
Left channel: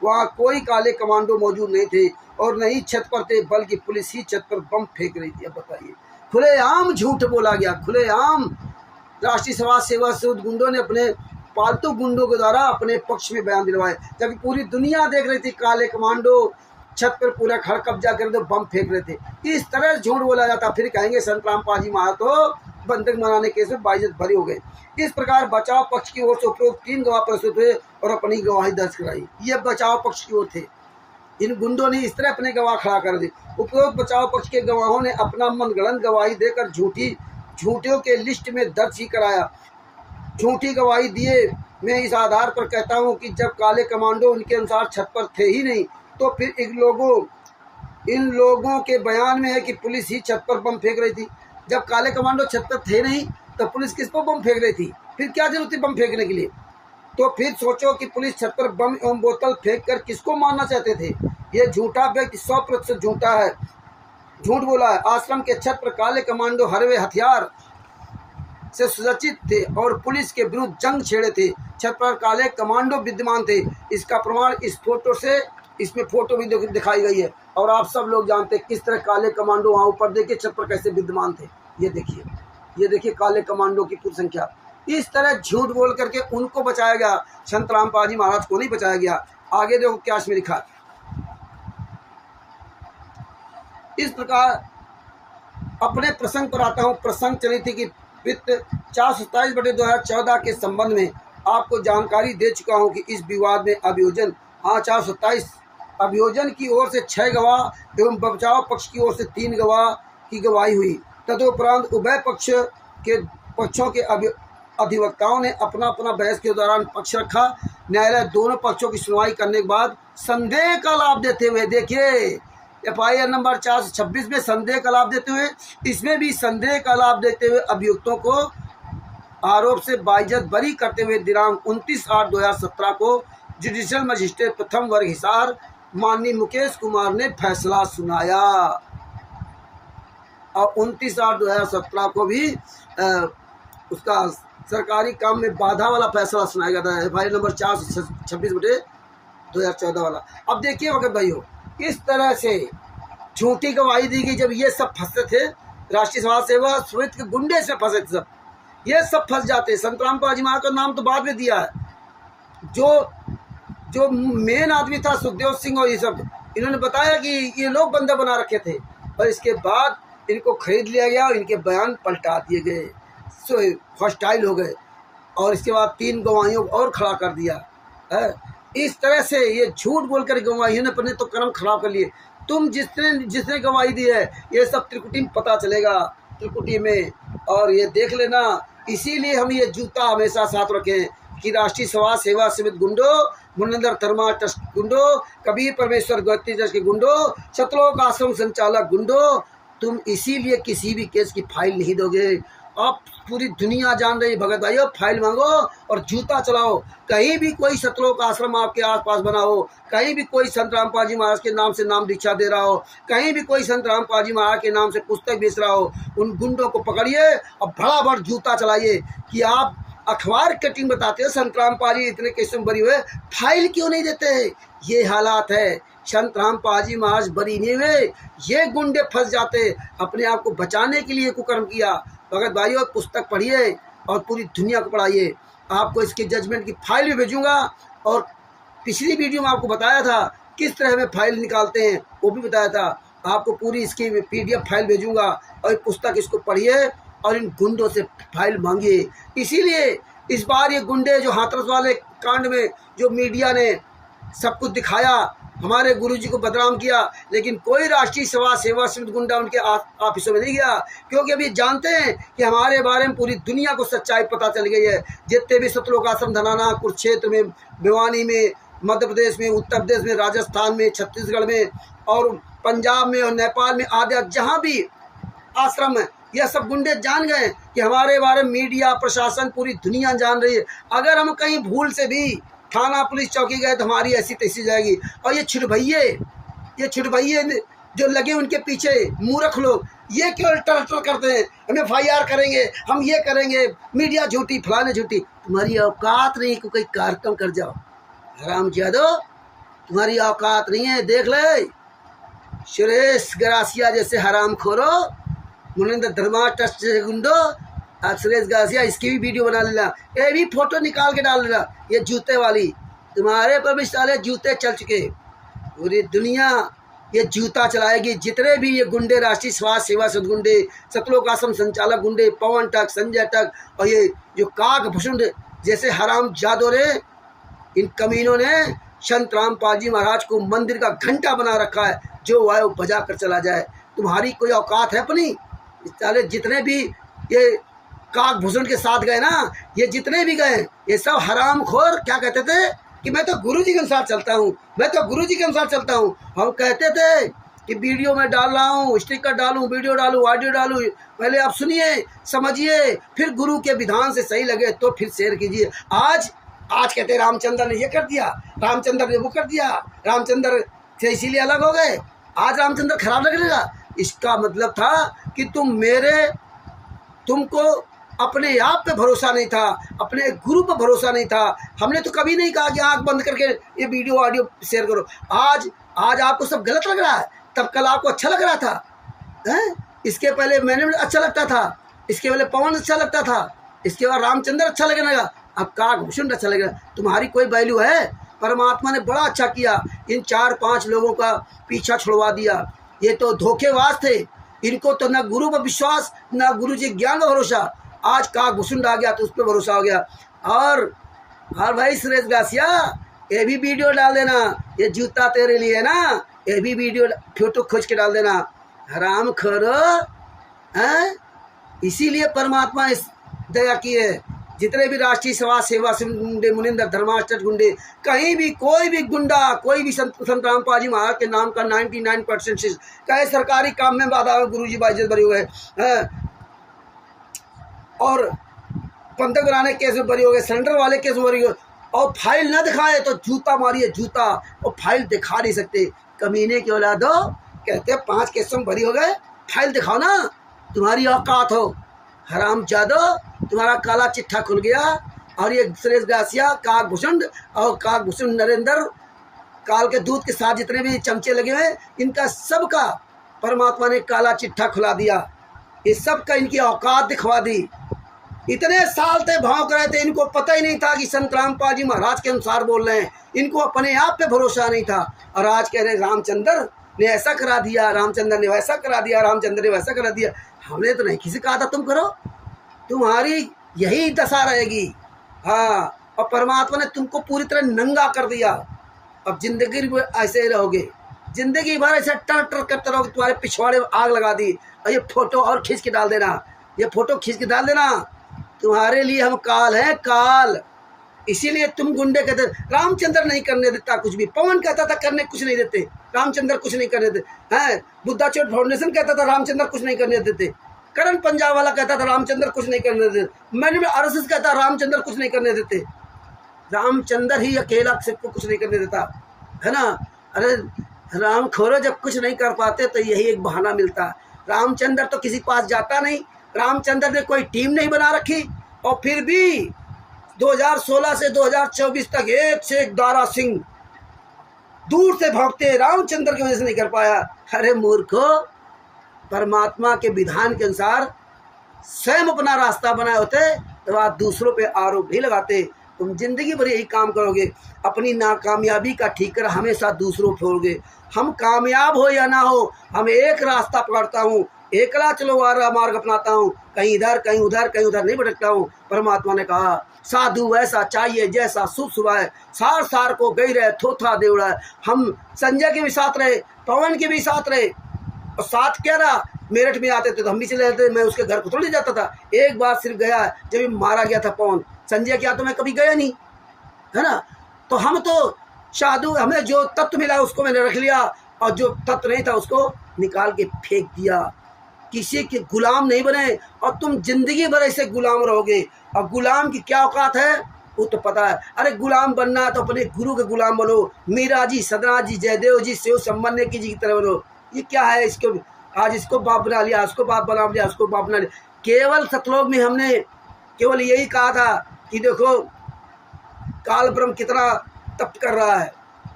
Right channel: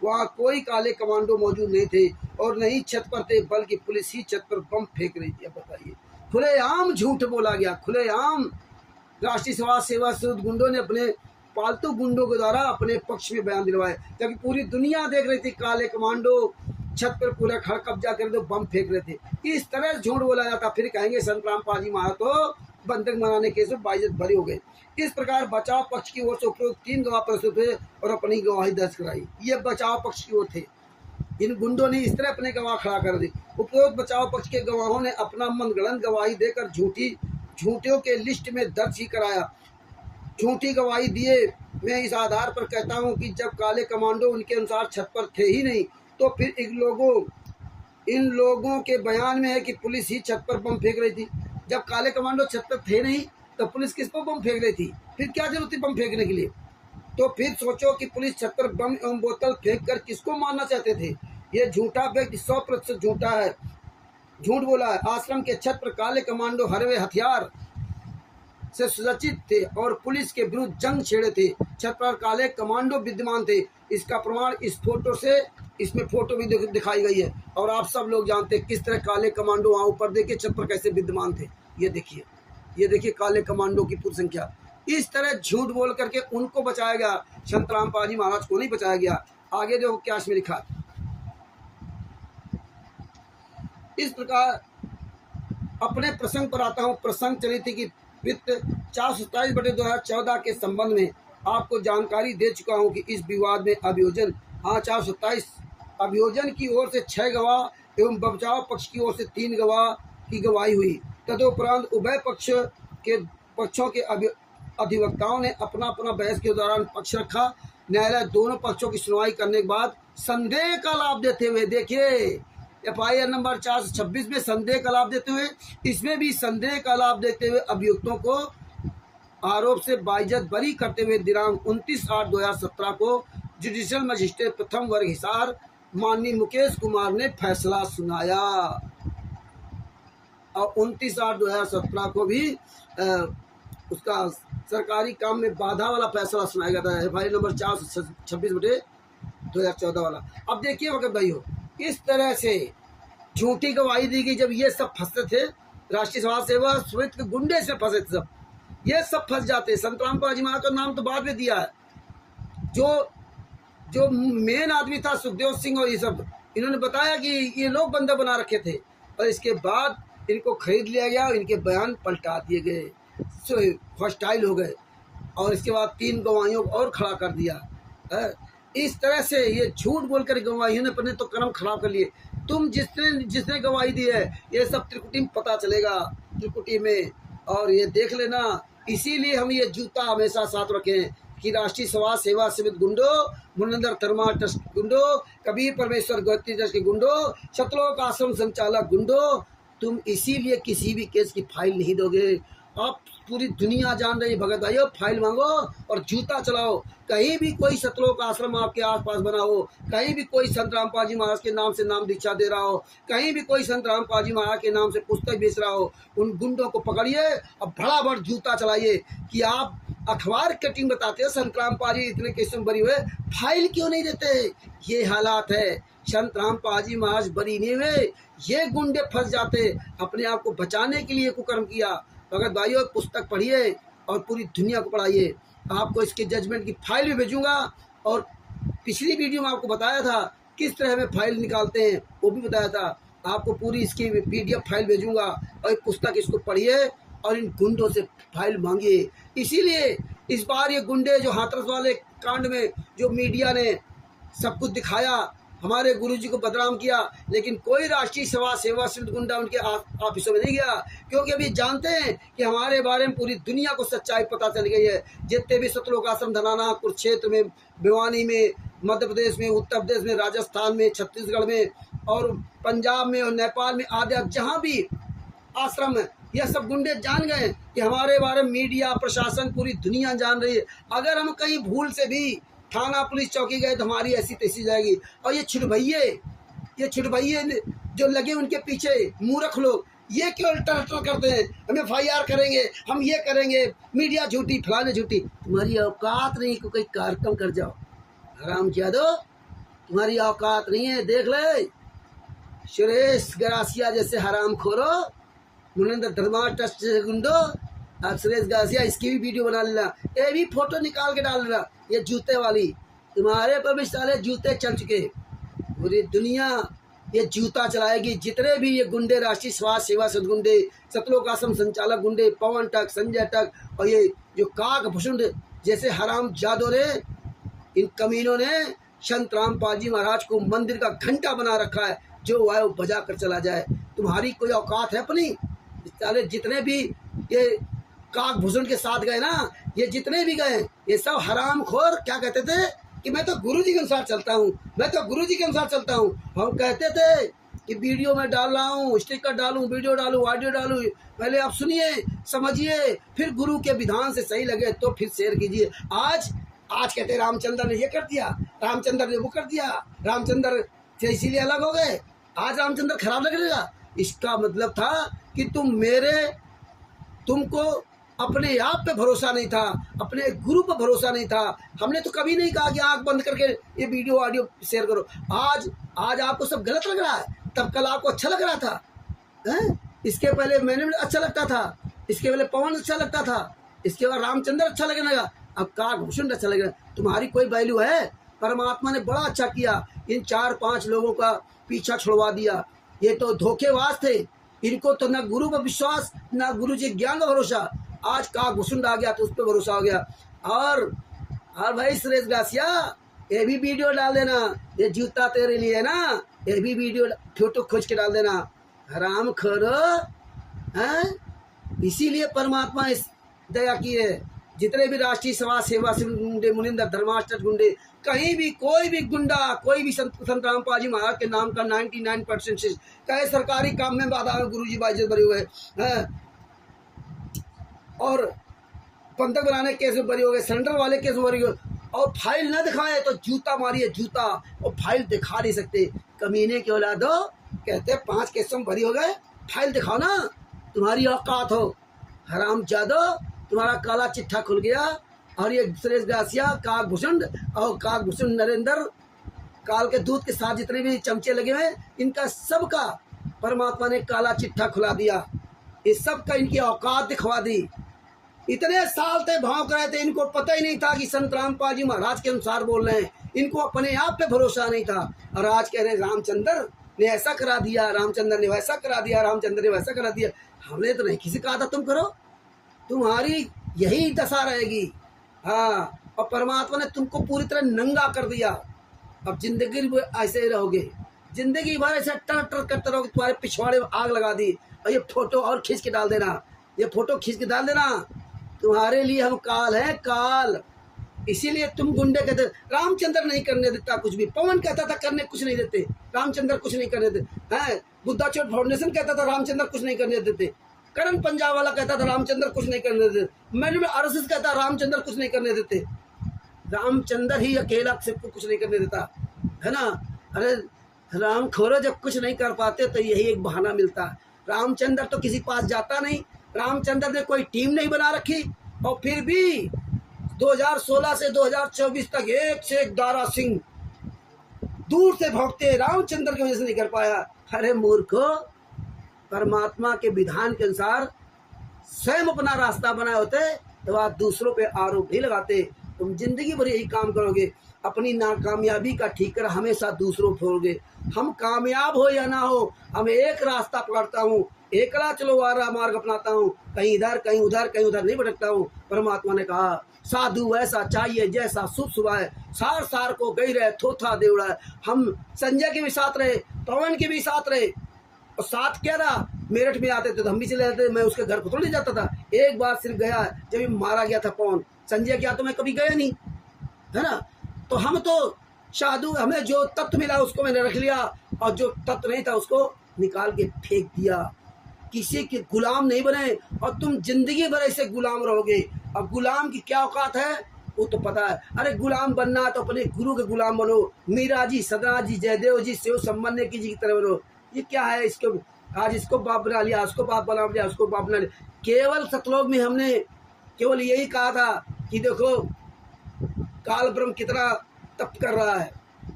वहाँ कोई काले कमांडो मौजूद नहीं थे और नहीं छत पर थे, बल्कि पुलिस ही छत पर बम फेंक रही थी। अब बताइए, खुलेआम झूठ बोला गया, खुलेआम। राष्ट्रीय समाज सेवा से गुंडों ने अपने पालतू गुंडों के द्वारा अपने पक्ष में बयान दिलवाए, जबकि पूरी दुनिया देख रही थी काले कमांडो छत पर पूरा घर कब्जा कर दो, बम फेंक रहे थे। इस तरह झूठ बोला जाता, फिर कहेंगे संतराम पाजी महातो बंधक बनाने केस में बाइज्जत भरी हो गए। इस प्रकार बचाव पक्ष की ओर से उपरोक्त 3 गवाह प्रस्तुत हुए और अपनी गवाही दर्ज कराई। ये बचाव पक्ष की ओर थे, इन गुंडों ने इस तरह अपने गवाह खड़ा कर दी। उपरोक्त बचाव पक्ष के गवाहों ने अपना मनगढ़ंत गवाही देकर झूठियों के लिस्ट में दर्ज ही कराया। झूठी गवाही दिए, मैं इस आधार पर कहता हूं कि जब काले कमांडो उनके अनुसार छत पर थे ही नहीं, तो फिर इन लोगों के बयान में है कि पुलिस ही छत पर बम फेंक रही थी। जब काले कमांडो छत पर थे नहीं तो पुलिस किस पर बम फेंक रही थी? फिर क्या जरूरत थी बम फेंकने के लिए? तो फिर सोचो कि पुलिस छत पर बम एवं बोतल फेंक कर किसको मारना चाहते थे? ये झूठा व्यक्ति 100% झूठा है, झूठ बोला है। आश्रम के छत पर काले कमांडो हरवे हथियार से सुसज्जित थे और पुलिस के विरुद्ध जंग छेड़े थे। छत पर काले कमांडो विद्यमान थे। इसका प्रमाण इस फोटो से, इसमें फोटो भी दिखाई गई है और आप सब लोग जानते हैं किस तरह काले कमांडो वहाँ ऊपर देखिए छत पर कैसे विद्यमान थे। ये देखिए काले कमांडो की पूरी संख्या। इस तरह झूठ बोल करके उनको बचाया गया, संतराम पाजी महाराज को नहीं बचाया गया। आगे देखो क्या इसमें लिखा है। इस प्रकार अपने प्रसंग पर आता हूँ। प्रसंग चली थी कि वित्त 427/2014 के संबंध में आपको जानकारी दे चुका हूँ कि इस विवाद में अभियोजन 427 अभियोजन की ओर से 6 गवाह एवं बचाव पक्ष की ओर से 3 गवाह की गवाही हुई। तदुपरांत उभय पक्षों के अधिवक्ताओं ने अपना बहस के दौरान पक्ष रखा। न्यायालय दोनों पक्षों की सुनवाई करने के बाद संदेह का लाभ देते हुए, देखिए FIR नंबर 426 में संदेह का लाभ देते हुए, इसमें भी संदेह का लाभ देते हुए अभियुक्तों को आरोप से बाइज्जत बरी करते हुए दिनांक 29/8/2017 को जुडिशियल मजिस्ट्रेट प्रथम वर्ग हिसार माननीय मुकेश कुमार ने फैसला सुनाया। और 29/8/2017 को भी उसका सरकारी काम में बाधा वाला फैसला सुनाया गया था, FIR नंबर 426/2014 वाला। अब देखिए वक्त भाइयों, इस तरह से झूठी गवाही दी गई। जब ये सब फंसे थे, राष्ट्रीय समाज सेवा समिति के गुंडे से फंसे थे, सब ये सब फंस जाते। संतराम पाजी महाराज का नाम तो बाद में दिया है। जो मेन आदमी था सुखदेव सिंह और ये सब, इन्होंने बताया कि ये लोग बंदा बना रखे थे और इसके बाद इनको खरीद लिया गया और इनके बयान पलटा दिए गए, हॉस्टाइल हो गए और इसके बाद 3 गवाहियों को और खड़ा कर दिया है। इस तरह से ये झूठ बोलकर गवाहियों ने अपने तो कर्म खराब कर लिए। तुम जिसने गवाही दी है ये सब त्रिकुटी में पता चलेगा, त्रिकुटी में, और ये देख लेना। इसीलिए हम ये जूता हमेशा साथ रखें कि राष्ट्रीय समाज सेवा समिति गुंडो, मुनंदर धर्मा ट्रस्ट गुंडो, कबीर परमेश्वर गोत्री ट्रस्ट के गुंडो, सतलोक आश्रम संचालक गुंडो, तुम इसीलिए किसी भी केस की फाइल नहीं दोगे। आप पूरी दुनिया जान रही, भगत भाइयों, फाइल मांगो और जूता चलाओ। कहीं भी कोई सतलोक आश्रम आपके आसपास बना हो, कहीं भी कोई संत रामपाल महाराज के नाम से नाम दीक्षा दे रहा हो, कहीं भी कोई संत रामपाल महाराज के नाम से पुस्तक बेच रहा हो, उन गुंडों को पकड़िए और भड़ा जूता चलाइए कि आप अखबार कटिंग बताते हो संत रामपाल इतने केस में बरी हुए, फाइल क्यों नहीं देते? ये हालात है। संत रामपाल महाराज बरी नहीं हुए, ये गुंडे फंस जाते। अपने आप को बचाने के लिए कुकर्म किया। भगत भाइयों, पुस्तक पढ़िए और पूरी दुनिया को पढ़ाइए। आपको इसके जजमेंट की फाइल भी भेजूंगा और पिछली वीडियो में आपको बताया था किस तरह हमें फाइल निकालते हैं, वो भी बताया था। आपको पूरी इसकी PDF फाइल भेजूंगा और एक पुस्तक, इसको पढ़िए और इन गुंडों से फाइल मांगिए। इसीलिए इस बार ये गुंडे जो हाथरस वाले कांड में जो मीडिया ने सब कुछ दिखाया, हमारे गुरुजी को बदनाम किया, लेकिन कोई राष्ट्रीय समाज सेवा समिति गुंडा उनके ऑफिसों में नहीं गया, क्योंकि अभी जानते हैं कि हमारे बारे में पूरी दुनिया को सच्चाई पता चल गई है। जितने भी सतलोक आश्रम धनाना, कुरुक्षेत्र में, भिवानी में, मध्य प्रदेश में, उत्तर प्रदेश में, राजस्थान में, छत्तीसगढ़ में और पंजाब में और नेपाल में आदि जहाँ भी आश्रम है, यह सब गुंडे जान गए कि हमारे बारे में मीडिया, प्रशासन, पूरी दुनिया जान रही है। अगर हम कहीं भूल से भी थाना पुलिस चौकी गए तो हमारी ऐसी तैसी जाएगी। और ये छुटभैये जो लगे उनके पीछे मूर्ख लोग, ये क्यों टर्टर करते हैं, हम FIR करेंगे, हम ये करेंगे, मीडिया झूठी, फलाने झूठी। तुम्हारी औकात नहीं कि कोई कार्यक्रम कर जाओ। हराम जादो, तुम्हारी औकात नहीं है। देख ले सुरेश गरासिया जैसे हराम खोरो, मुनिंदर धर्मा ट्रस्ट से गुंडो, आप सुरेश गरासिया इसकी भी वीडियो बना लेना, ये भी फोटो निकाल के डाल देना। ये जूते वाली तुम्हारे पर भी साले जूते चल चुके, पूरी दुनिया ये जूता चलाएगी। जितने भी ये गुंडे, राष्ट्रीय स्वास्थ्य सेवा सदगुंडे, सतलोक आश्रम संचालक गुंडे, पवन टक, संजय टक और ये जो काक भूषण जैसे हराम जादो ने, इन कमीनों ने संत रामपाल जी महाराज को मंदिर का घंटा बना रखा है, जो आए वो बजा कर चला जाए। तुम्हारी कोई औकात है अपनी? साले जितने भी ये काक भूषण के साथ गए ना, ये जितने भी गए ये सब हराम खोर क्या कहते थे कि मैं तो गुरु जी के अनुसार चलता हूँ, मैं तो गुरु जी के अनुसार चलता हूँ। हम कहते थे कि वीडियो में डाल रहा हूँ, स्टिकर डालूँ, वीडियो डालूँ, ऑडियो डालूँ, पहले आप सुनिए समझिए, फिर गुरु के विधान से सही लगे तो फिर शेयर कीजिए। आज कहते रामचंद्र ने ये कर दिया, रामचंद्र ने वो कर दिया, रामचंद्र से इसीलिए अलग हो गए, आज रामचंद्र खराब लगेगा। इसका मतलब था कि तुमको अपने आप पे भरोसा नहीं था, अपने गुरु पर भरोसा नहीं था। हमने तो कभी नहीं कहा कि आंख बंद करके ये वीडियो ऑडियो शेयर करो। आज आपको सब गलत लग रहा है, तब कल आपको अच्छा लग रहा था हैं? इसके पहले मैंने अच्छा लगता था, इसके पहले पवन अच्छा लगता था, इसके बाद रामचंद्र अच्छा लगने लगा, अब काक भूषण अच्छा लगेगा। तुम्हारी कोई वैल्यू है? परमात्मा ने बड़ा अच्छा किया, इन 4-5 लोगों का पीछा छुड़वा दिया। ये तो धोखेबाज थे, इनको तो न गुरु पर विश्वास, न गुरु जी ज्ञान का भरोसा। आज काक भूषण आ गया तो उस पर भरोसा हो गया। और भाई सुरेश गासिया ये भी वीडियो डाल देना, ये जूता तेरे लिए ना, ये भी वीडियो फोटो खोज के डाल देना। हराम खोरो हैं? इसीलिए परमात्मा इस दया की है। जितने भी राष्ट्रीय समाज सेवा से गुंडे, मुनिंदर धर्माष्ट गुंडे, कहीं भी कोई भी गुंडा, कोई भी संत रामपाल जी महाराज के नाम का 99% कहे सरकारी काम में बाधा है, गुरु जी बाइज्जत बरी हुए हैं, और पंथक बनाने केस में बरी हो गए, सेंटर वाले केस में बरी हो, और फाइल न दिखाए तो जूता मारिए जूता, और फाइल दिखा नहीं सकते। कमीने के औलादो, कहते 5 केस में बरी हो गए, फाइल दिखाओ ना, तुम्हारी औकात हो। हराम जादो, तुम्हारा काला चिट्ठा खुल गया। और ये सुरेश गासिया, काक भूषण और काक भूषण नरेंद्र, काल के दूध के साथ जितने भी चमचे लगे हुए, इनका सबका परमात्मा ने काला चिट्ठा खुला दिया। ये सब का इनकी औकात दिखवा दी। इतने साल से भौंक रहे थे, इनको पता ही नहीं था कि संत रामपाल जी महाराज के अनुसार बोल रहे हैं, इनको अपने आप पे भरोसा नहीं था। और आज कह रहे रामचंद्र ने ऐसा करा दिया, रामचंद्र ने वैसा करा दिया, रामचंद्र ने वैसा करा दिया। हमने तो नहीं किसी कहा था तुम करो, तुम्हारी यही दशा रहेगी। हाँ, और परमात्मा ने तुमको पूरी तरह नंगा कर दिया। अब जिंदगी भर ऐसे ही रहोगे, जिंदगी भर ऐसे टर टर करते रहोगे। तुम्हारे पिछवाड़े में आग लगा दी। और ये फोटो और खींच के डाल देना, ये फोटो खींच के डाल देना। तुम्हारे लिए हम काल हैं, काल। इसीलिए तुम गुंडे कहते, रामचंद्र नहीं करने देता कुछ भी। पवन कहता था करने कुछ नहीं देते, रामचंद्र कुछ नहीं करने देते हैं। बुद्धा चोट फाउंडेशन कहता था रामचंद्र कुछ नहीं करने देते। करण पंजाब वाला कहता था रामचंद्र कुछ नहीं करने देते। मैंने आरएसएस कहता रामचंद्र कुछ नहीं करने देते। रामचंद्र ही अकेला सबको कुछ नहीं करने देता है ना। अरे राम खोरो, जब कुछ नहीं कर पाते तो यही एक बहाना मिलता है। रामचंद्र तो किसी पास जाता नहीं, रामचंद्र ने कोई टीम नहीं बना रखी, और फिर भी 2016 से 2024 तक एक से एक दारा सिंह दूर से भागते, रामचंद्र की वजह से नहीं कर पाया। अरे मूर्खो, परमात्मा के विधान के अनुसार स्वयं अपना रास्ता बनाए होते तो आप दूसरों पे आरोप भी लगाते। तुम जिंदगी भर यही काम करोगे, अपनी नाकामयाबी का ठीकर हमेशा दूसरों फोड़ोगे। हम कामयाब हो या ना हो, हम एक रास्ता पकड़ता हूँ, एकला चलो वारा मार्ग अपनाता हूँ, कहीं इधर कहीं उधर कहीं उधर नहीं भटकता हूँ। परमात्मा ने कहा साधु वैसा चाहिए जैसा शुभ सुबह है, सार सार को गई रहे थोथा देवड़ा है। हम संजय के भी साथ रहे, पवन के भी साथ रहे, और साथ क्या रहा, मेरठ में आते थे तो हम भी चले जाते, मैं उसके घर को थोड़ी जाता था। एक बार सिर्फ गया जब मारा गया था पवन, संजय क्या तो मैं कभी गया नहीं, है ना। तो हम तो साधु, हमें जो तत्व मिला उसको मैंने रख लिया, और जो तत्व नहीं था उसको निकाल के फेंक दिया। किसी के गुलाम नहीं बने, और तुम जिंदगी भर ऐसे गुलाम रहोगे। और गुलाम की क्या औकात है वो तो पता है। अरे गुलाम बनना तो अपने गुरु के गुलाम बनो, मीरा जी, सदना जी, जयदेव जी, शिव संबंध की जी की तरह बनो। ये क्या है, इसको आज इसको बाप बना लिया, उसको बाप बना लिया, उसको बाप बना लिया। केवल सतलोक में हमने केवल यही कहा था कि देखो काल ब्रह्म कितना तप कर रहा है,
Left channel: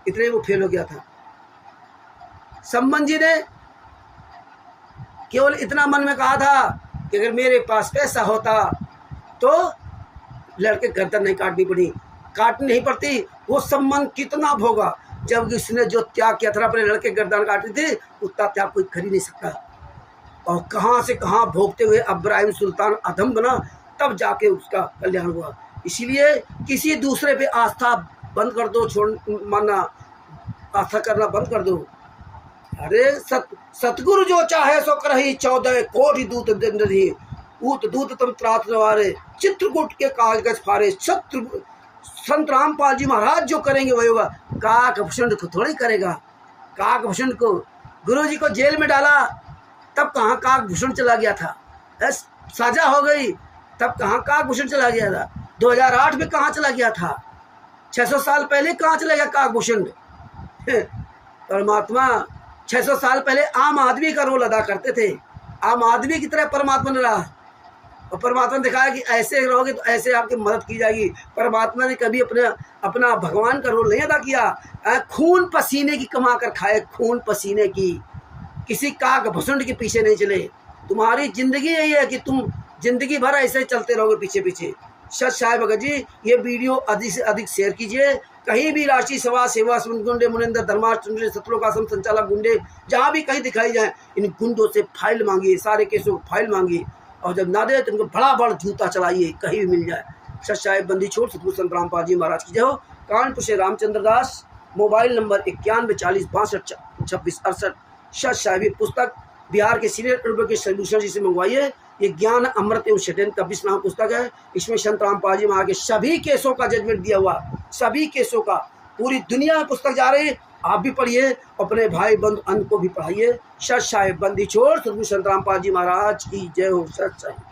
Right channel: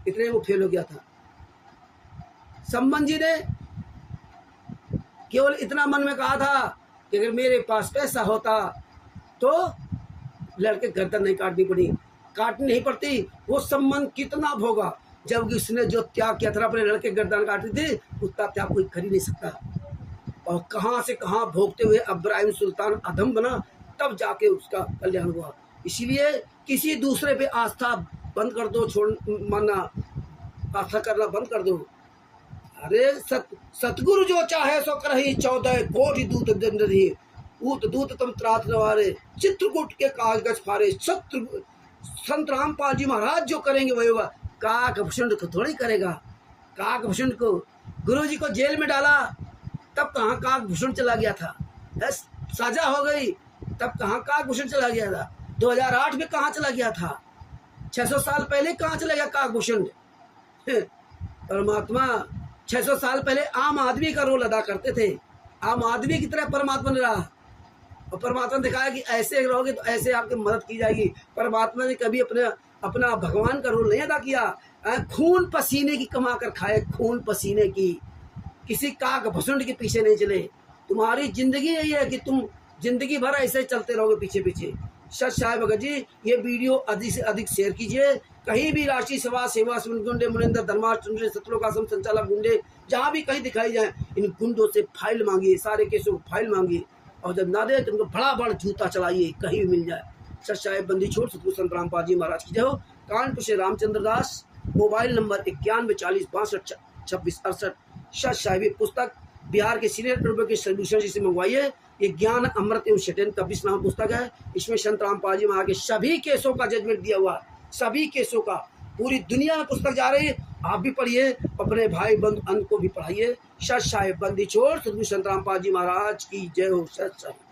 इतने वो फेल हो गया था। सम्मन जी ने केवल इतना मन में कहा था कि अगर मेरे पास पैसा होता तो लड़के गर्दन नहीं काटनी नहीं पड़ती। वो सम्मान कितना भोगा, जब उसने जो त्याग किया था अपने लड़के गर्दन काटी थी, उतना त्याग कोई कर ही नहीं सकता। और कहाँ से कहाँ भोगते हुए इब्राहिम सुल्तान अधम बना, तब जाके उसका कल्याण हुआ। इसीलिए किसी दूसरे पे आस्था बंद कर दो, मानना आस्था करना बंद कर दो। अरे सतगुरु जो चाहे सो करही 14 कोटि दूत दंडही, ऊत दूत तम त्रात नवारे, चित्रकूट के कागज फारे। संत रामपाल जी महाराज जो करेंगे वही होगा। काकभूषण को थोड़ी करेगा। काकभूषण को गुरु जी को जेल में डाला, तब कहाँ काकभूषण चला गया था। सजा हो गई, तब कहाँ काकभूषण चला गया था। 2008 में कहाँ चला गया था। 600 साल पहले कहाँ चला गया काकभूषण। परमात्मा 600 साल पहले आम आदमी का रोल अदा करते थे। आम आदमी की तरह परमात्मा ने रहा, और परमात्मा ने दिखाया कि ऐसे रहोगे तो ऐसे आपकी मदद की जाएगी। परमात्मा ने कभी अपना भगवान का रोल नहीं अदा किया। खून पसीने की कमा कर खाए, खून पसीने की, किसी काकभूषण के पीछे नहीं चले। तुम्हारी जिंदगी यही है कि तुम जिंदगी भर ऐसे चलते रहोगे पीछे पीछे। सच साहिब भगत जी, ये वीडियो अधिक से अधिक शेयर कीजिए। कहीं भी राशि सभा सेवा गुंडे मुनिंदर धर्माष्टमी सतलोकाश्रम संचालक गुंडे जहाँ भी कहीं दिखाई जाए, इन गुंडों से फाइल मांगिए, सारे केसों को फाइल मांगिए, और जब ना दे तो उनको बड़ा बड़ा जूता चलाइए, कहीं भी मिल जाए। सच साहिब बंदी छोड़ सतगुरु संत रामपाल जी महाराज की जय हो। कानपुर से रामचंद्र दास, मोबाइल नंबर 91 40 62 26 68। सच साहिब पुस्तक बिहार के सीनियर के सॉल्यूशन जी से मंगवाइए। ये ज्ञान अमृत एवं शटेन का 20 नाम पुस्तक है। इसमें संत रामपाल जी महाराज के सभी केसों का जजमेंट दिया हुआ, सभी केसों का। पूरी दुनिया में पुस्तक जा रही है, आप भी पढ़िए, अपने भाई बंधु अन्य को भी पढ़ाइए। सच साहिब बंदी छोड़ सतगुरु संत रामपाल जी महाराज की जय हो। सच साहिब।